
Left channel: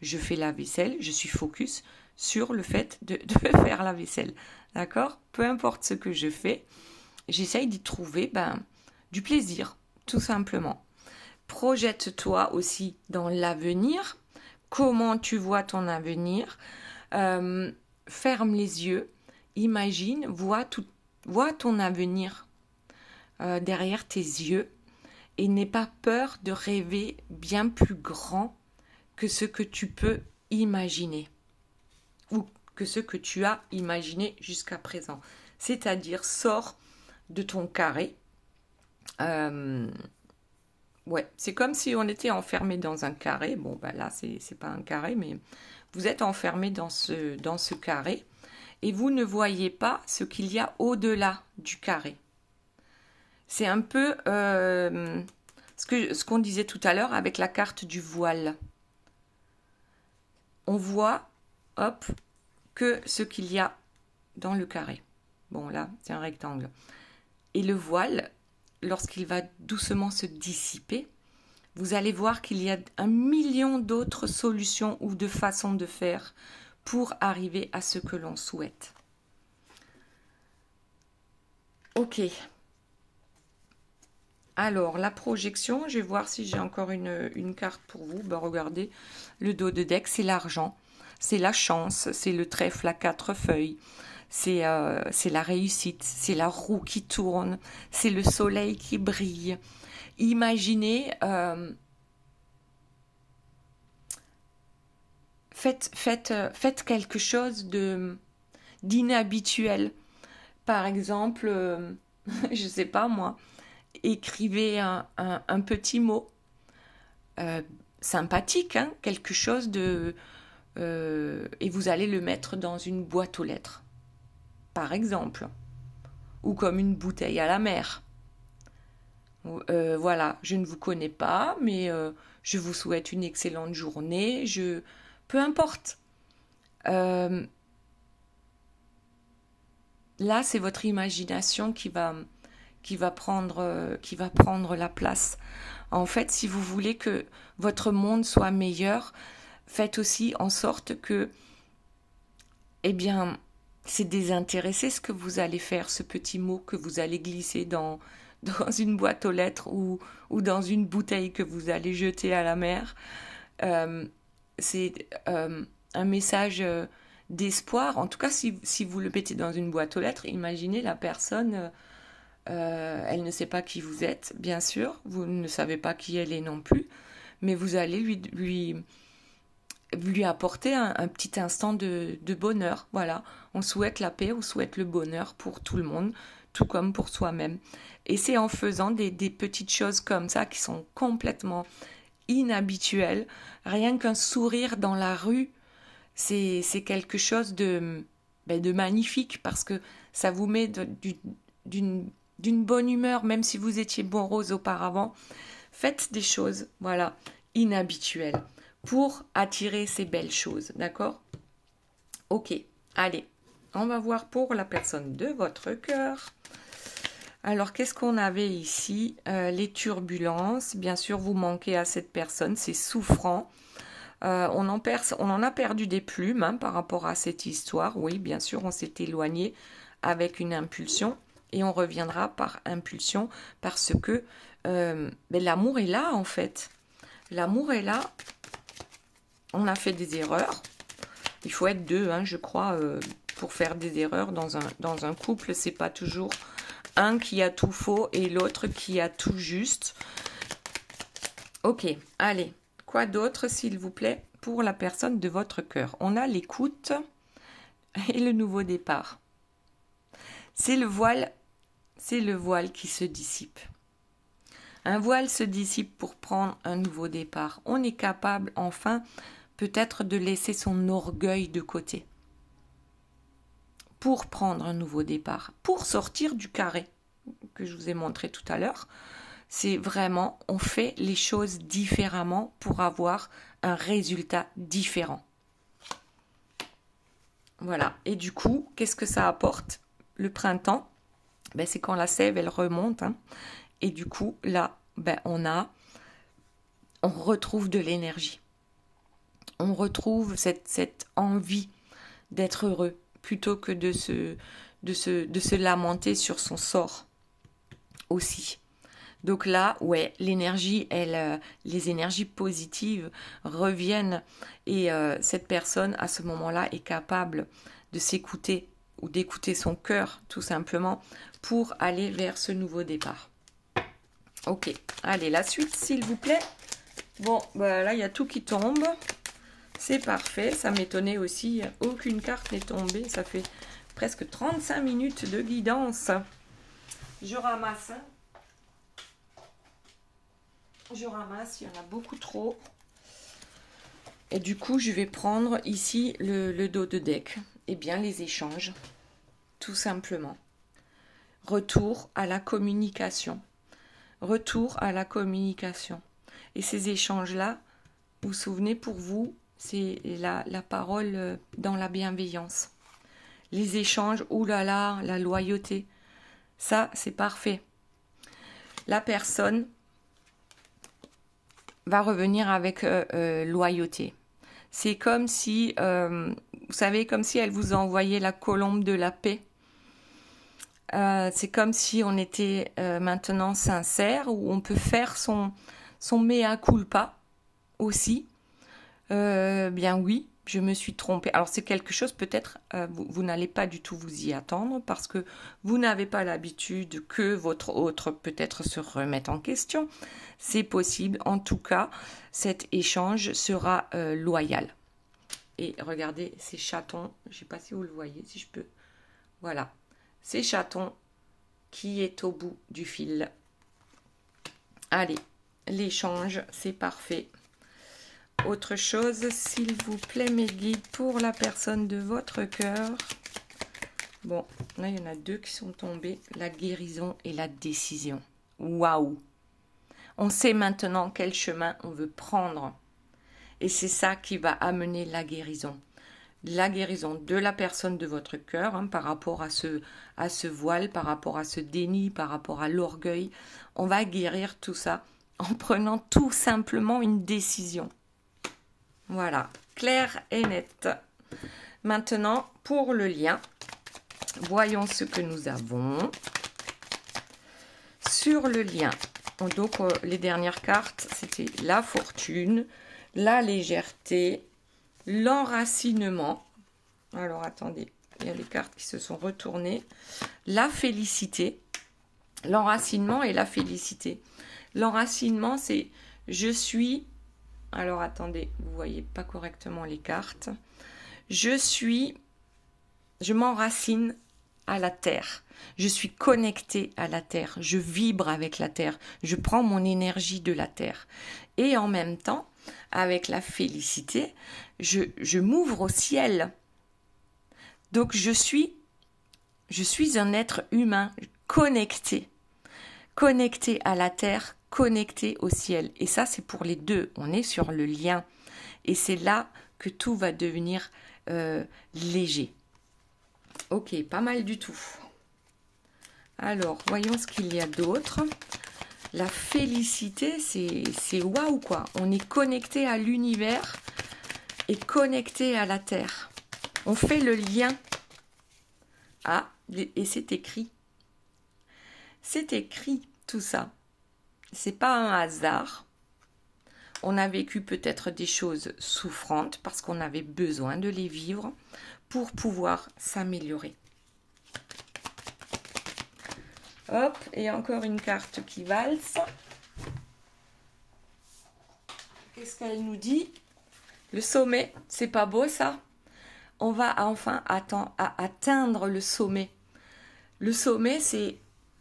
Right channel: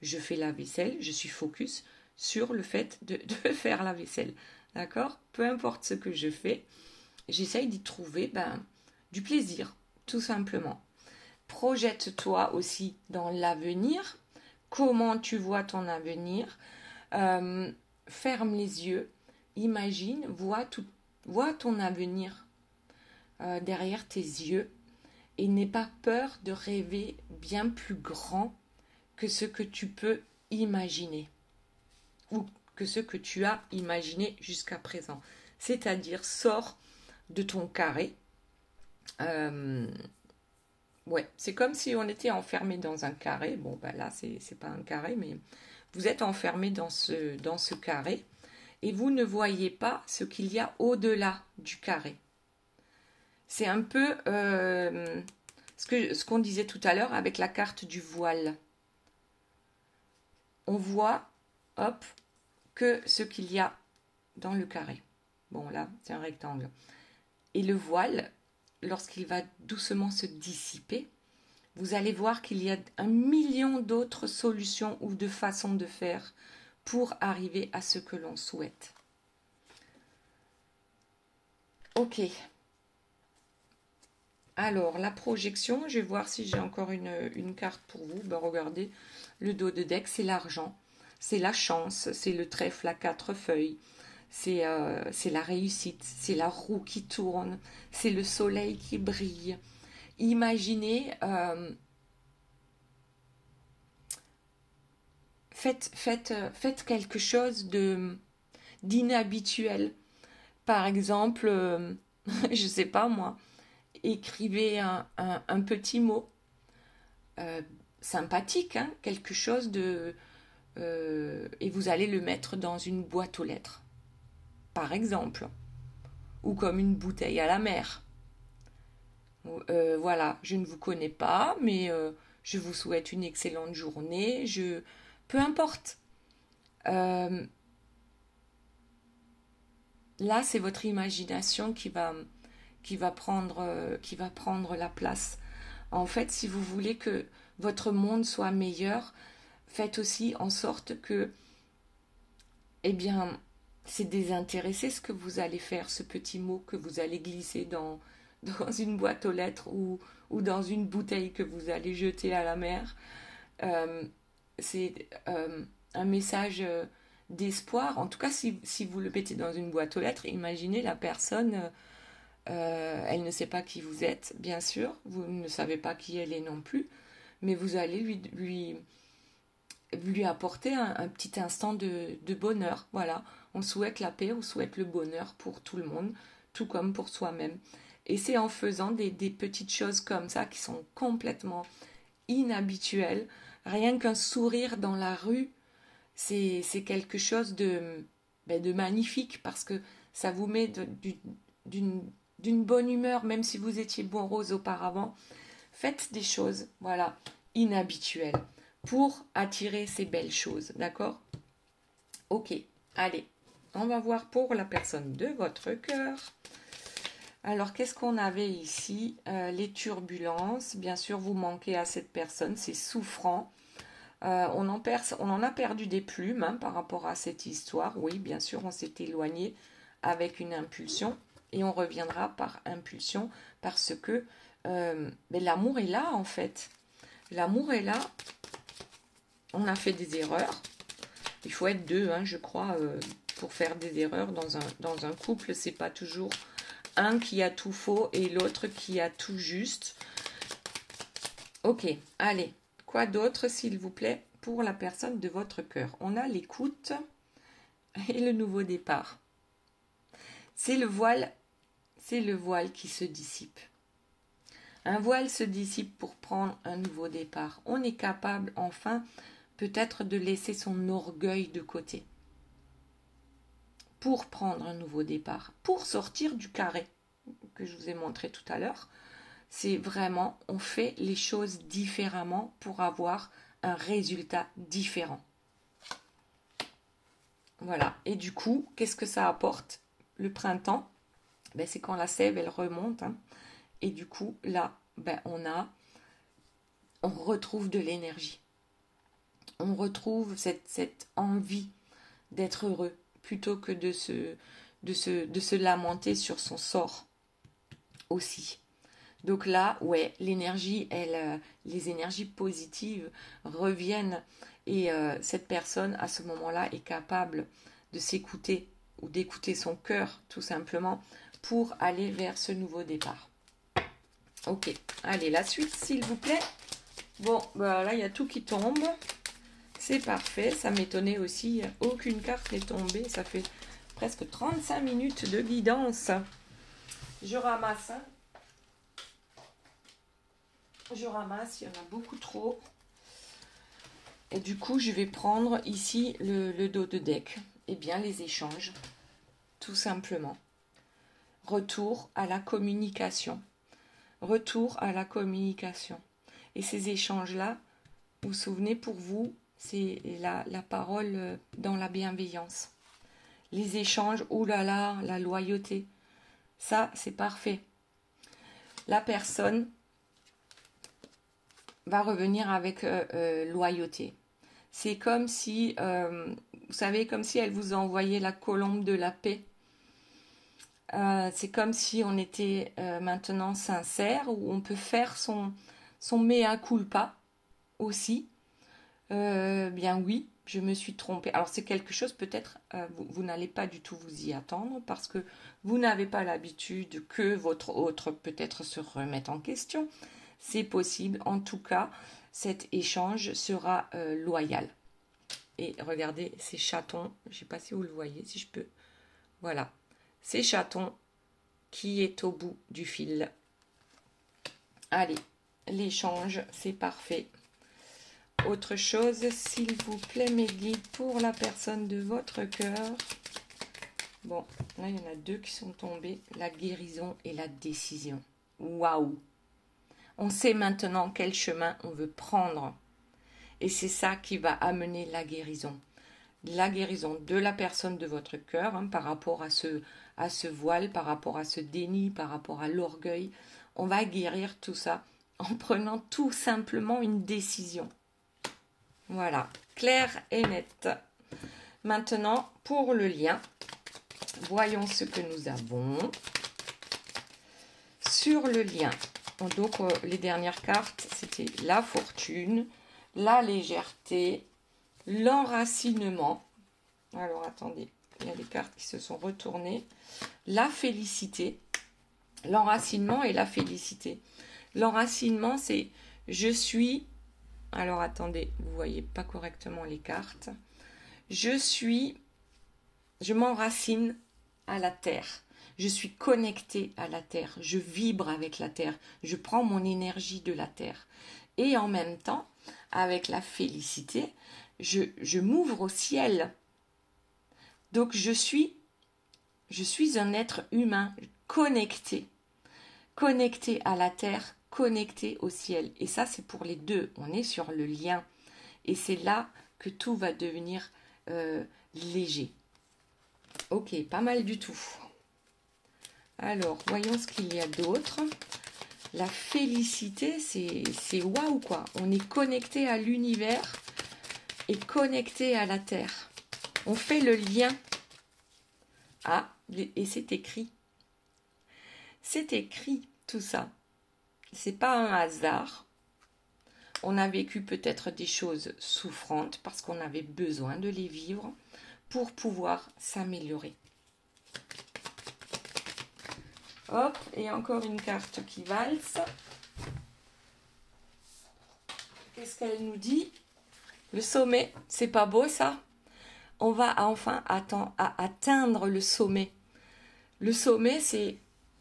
Je fais la vaisselle, je suis focus sur le fait de faire la vaisselle. D'accord? Peu importe ce que je fais, j'essaye d'y trouver du plaisir, tout simplement. Projette-toi aussi dans l'avenir. Comment tu vois ton avenir? Ferme les yeux, imagine, vois ton avenir derrière tes yeux et n'aie pas peur de rêver bien plus grand que ce que tu peux imaginer ou que ce que tu as imaginé jusqu'à présent. C'est-à-dire, sors de ton carré. Ouais, c'est comme si on était enfermé dans un carré. Bon, là, c'est pas un carré, mais vous êtes enfermé dans ce carré et vous ne voyez pas ce qu'il y a au-delà du carré. C'est un peu Ce qu'on disait tout à l'heure avec la carte du voile. On voit, hop, que ce qu'il y a dans le carré. Bon, là, c'est un rectangle. Et le voile, lorsqu'il va doucement se dissiper, vous allez voir qu'il y a 1 million d'autres solutions ou de façons de faire pour arriver à ce que l'on souhaite. Ok. Alors, la projection, je vais voir si j'ai encore une carte pour vous. Ben, regardez, le dos de deck, c'est l'argent, c'est la chance, c'est le trèfle à 4 feuilles, c'est la réussite, c'est la roue qui tourne, c'est le soleil qui brille. Imaginez, faites quelque chose d'inhabituel. Par exemple, je ne sais pas moi, écrivez un petit mot sympathique, hein, quelque chose de... et vous allez le mettre dans une boîte aux lettres, par exemple, ou comme une bouteille à la mer. Voilà, je ne vous connais pas, mais je vous souhaite une excellente journée. Peu importe. Là, c'est votre imagination qui va prendre la place. En fait, si vous voulez que votre monde soit meilleur, faites aussi en sorte que, eh bien, c'est désintéressé ce que vous allez faire, ce petit mot que vous allez glisser dans une boîte aux lettres ou dans une bouteille que vous allez jeter à la mer. C'est un message d'espoir. En tout cas, si vous le mettez dans une boîte aux lettres, imaginez la personne, elle ne sait pas qui vous êtes, bien sûr, vous ne savez pas qui elle est non plus, mais vous allez lui apporter un petit instant de bonheur. Voilà, on souhaite la paix, on souhaite le bonheur pour tout le monde, tout comme pour soi-même. Et c'est en faisant des petites choses comme ça qui sont complètement inhabituelles. Rien qu'un sourire dans la rue, c'est quelque chose de magnifique parce que ça vous met d'une bonne humeur, même si vous étiez morose auparavant. Faites des choses, voilà, inhabituelles pour attirer ces belles choses, d'accord? Ok, allez, on va voir pour la personne de votre cœur. Alors, qu'est-ce qu'on avait ici? Les turbulences. Bien sûr, vous manquez à cette personne, c'est souffrant. On en a perdu des plumes hein, par rapport à cette histoire. Oui, bien sûr, on s'est éloigné avec une impulsion et on reviendra par impulsion parce que l'amour est là, en fait. L'amour est là. On a fait des erreurs. Il faut être deux, hein, je crois, pour faire des erreurs dans un couple. C'est pas toujours un qui a tout faux et l'autre qui a tout juste. Ok, allez. Quoi d'autre, s'il vous plaît, pour la personne de votre cœur? On a l'écoute et le nouveau départ. C'est le voile qui se dissipe. Un voile se dissipe pour prendre un nouveau départ. On est capable, enfin, peut-être de laisser son orgueil de côté pour prendre un nouveau départ, pour sortir du carré que je vous ai montré tout à l'heure. C'est vraiment, on fait les choses différemment pour avoir un résultat différent. Voilà. Et du coup, qu'est-ce que ça apporte? Le printemps, c'est quand la sève, elle remonte. Hein, et du coup, là, on retrouve de l'énergie. On retrouve cette envie d'être heureux plutôt que de se lamenter sur son sort aussi. Donc là, ouais, l'énergie, les énergies positives reviennent et cette personne, à ce moment-là, est capable de s'écouter ou d'écouter son cœur, tout simplement, pour aller vers ce nouveau départ. Ok, allez, la suite, s'il vous plaît. Bon, là, il y a tout qui tombe. C'est parfait, ça m'étonnait aussi. Aucune carte n'est tombée. Ça fait presque 35 minutes de guidance. Je ramasse, hein. Il y en a beaucoup trop. Et du coup, je vais prendre ici le dos de deck. Eh bien, les échanges, tout simplement. Retour à la communication. retour à la communication. Et ces échanges-là, vous vous souvenez, pour vous, c'est la parole dans la bienveillance. Les échanges, oulala, la loyauté. Ça, c'est parfait. La personne va revenir avec loyauté. C'est comme si, vous savez, comme si elle vous envoyait la colombe de la paix. C'est comme si on était maintenant sincère, où on peut faire son mea culpa aussi. Bien oui, je me suis trompée. Alors c'est quelque chose peut-être, vous n'allez pas du tout vous y attendre parce que vous n'avez pas l'habitude que votre autre peut-être se remette en question. C'est possible. En tout cas, cet échange sera loyal. Et regardez ces chatons, je ne sais pas si vous le voyez, si je peux. Voilà, ces chatons qui est au bout du fil. Allez, l'échange, c'est parfait. Autre chose, s'il vous plaît, mes guides, pour la personne de votre cœur. Bon, là, il y en a deux qui sont tombés. La guérison et la décision. Waouh! On sait maintenant quel chemin on veut prendre. Et c'est ça qui va amener la guérison. La guérison de la personne de votre cœur, hein, par rapport à ce voile, par rapport à ce déni, par rapport à l'orgueil. On va guérir tout ça en prenant tout simplement une décision. Voilà, clair et net. Maintenant, pour le lien, voyons ce que nous avons. Sur le lien, donc les dernières cartes, c'était la fortune, la légèreté, l'enracinement. Alors, attendez, il y a des cartes qui se sont retournées. La félicité, l'enracinement et la félicité. L'enracinement, c'est je suis... Alors, attendez, vous ne voyez pas correctement les cartes. Je m'enracine à la terre. Je suis connectée à la terre. Je vibre avec la terre. Je prends mon énergie de la terre. Et en même temps, avec la félicité, je m'ouvre au ciel. Donc, je suis un être humain connecté. Connecté à la terre, connecté au ciel. Et ça, c'est pour les deux. On est sur le lien. Et c'est là que tout va devenir léger. Ok, pas mal du tout. Alors, voyons ce qu'il y a d'autre. La félicité, c'est waouh quoi. On est connecté à l'univers et connecté à la terre. On fait le lien. Ah, et c'est écrit. C'est écrit tout ça. C'est pas un hasard. On a vécu peut-être des choses souffrantes parce qu'on avait besoin de les vivre pour pouvoir s'améliorer. Hop, et encore une carte qui valse. Qu'est-ce qu'elle nous dit? Le sommet, c'est pas beau ça? On va enfin atteindre le sommet. Le sommet, c'est...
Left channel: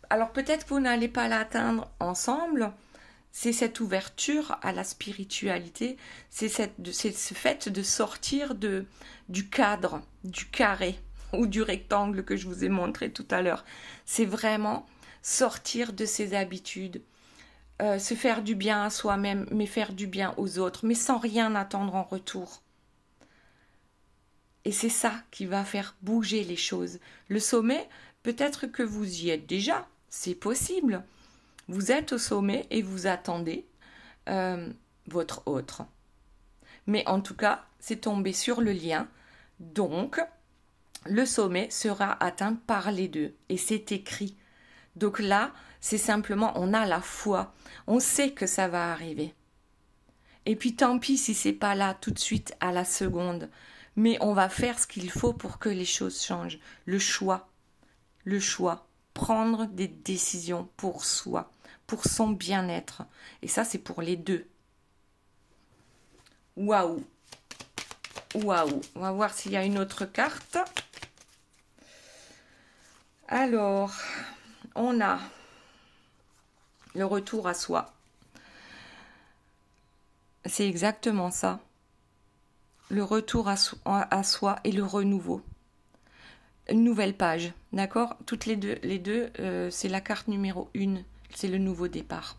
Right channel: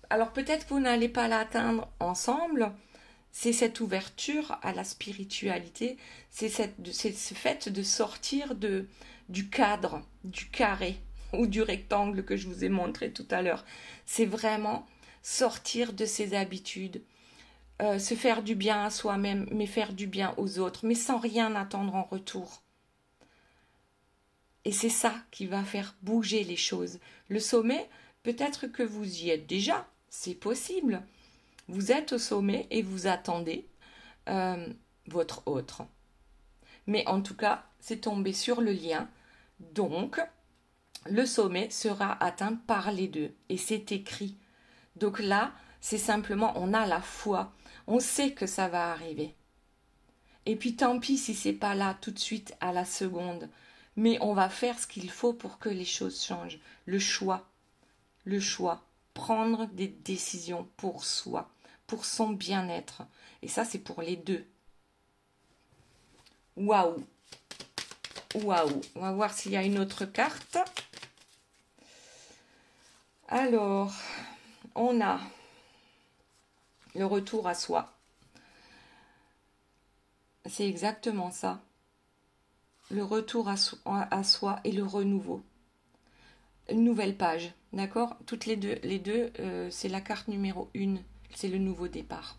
Alors peut-être que vous n'allez pas l'atteindre ensemble. C'est cette ouverture à la spiritualité. C'est ce fait de sortir du cadre, du carré ou du rectangle que je vous ai montré tout à l'heure. C'est vraiment sortir de ses habitudes. Se faire du bien à soi-même, mais faire du bien aux autres, mais sans rien attendre en retour. Et c'est ça qui va faire bouger les choses. Le sommet, peut-être que vous y êtes déjà, c'est possible. Vous êtes au sommet et vous attendez votre autre. Mais en tout cas, c'est tombé sur le lien. Donc, le sommet sera atteint par les deux. Et c'est écrit. Donc là, c'est simplement, on a la foi. On sait que ça va arriver. Et puis tant pis si c'est pas là tout de suite à la seconde. Mais on va faire ce qu'il faut pour que les choses changent. Le choix. Prendre des décisions pour soi, pour son bien-être. Et ça, c'est pour les deux. Waouh! Waouh! On va voir s'il y a une autre carte. Alors, on a le retour à soi. C'est exactement ça. Le retour à soi et le renouveau. Une nouvelle page, d'accord? Toutes les deux, c'est la carte numéro 1 c'est le nouveau départ.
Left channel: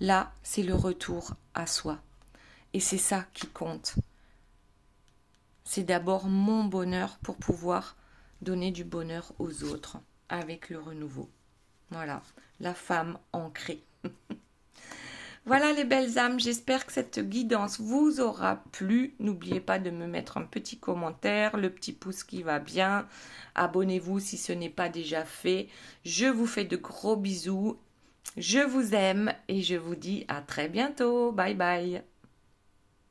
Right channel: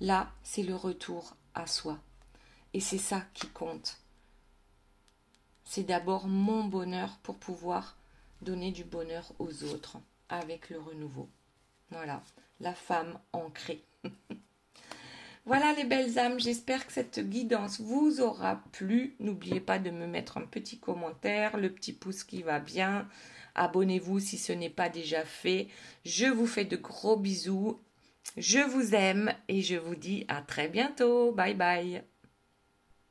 Là, c'est le retour à soi. Et c'est ça qui compte. C'est d'abord mon bonheur pour pouvoir donner du bonheur aux autres avec le renouveau. Voilà, la femme ancrée. Voilà les belles âmes, j'espère que cette guidance vous aura plu. N'oubliez pas de me mettre un petit commentaire, le petit pouce qui va bien. Abonnez-vous si ce n'est pas déjà fait. Je vous fais de gros bisous. Je vous aime et je vous dis à très bientôt. Bye bye.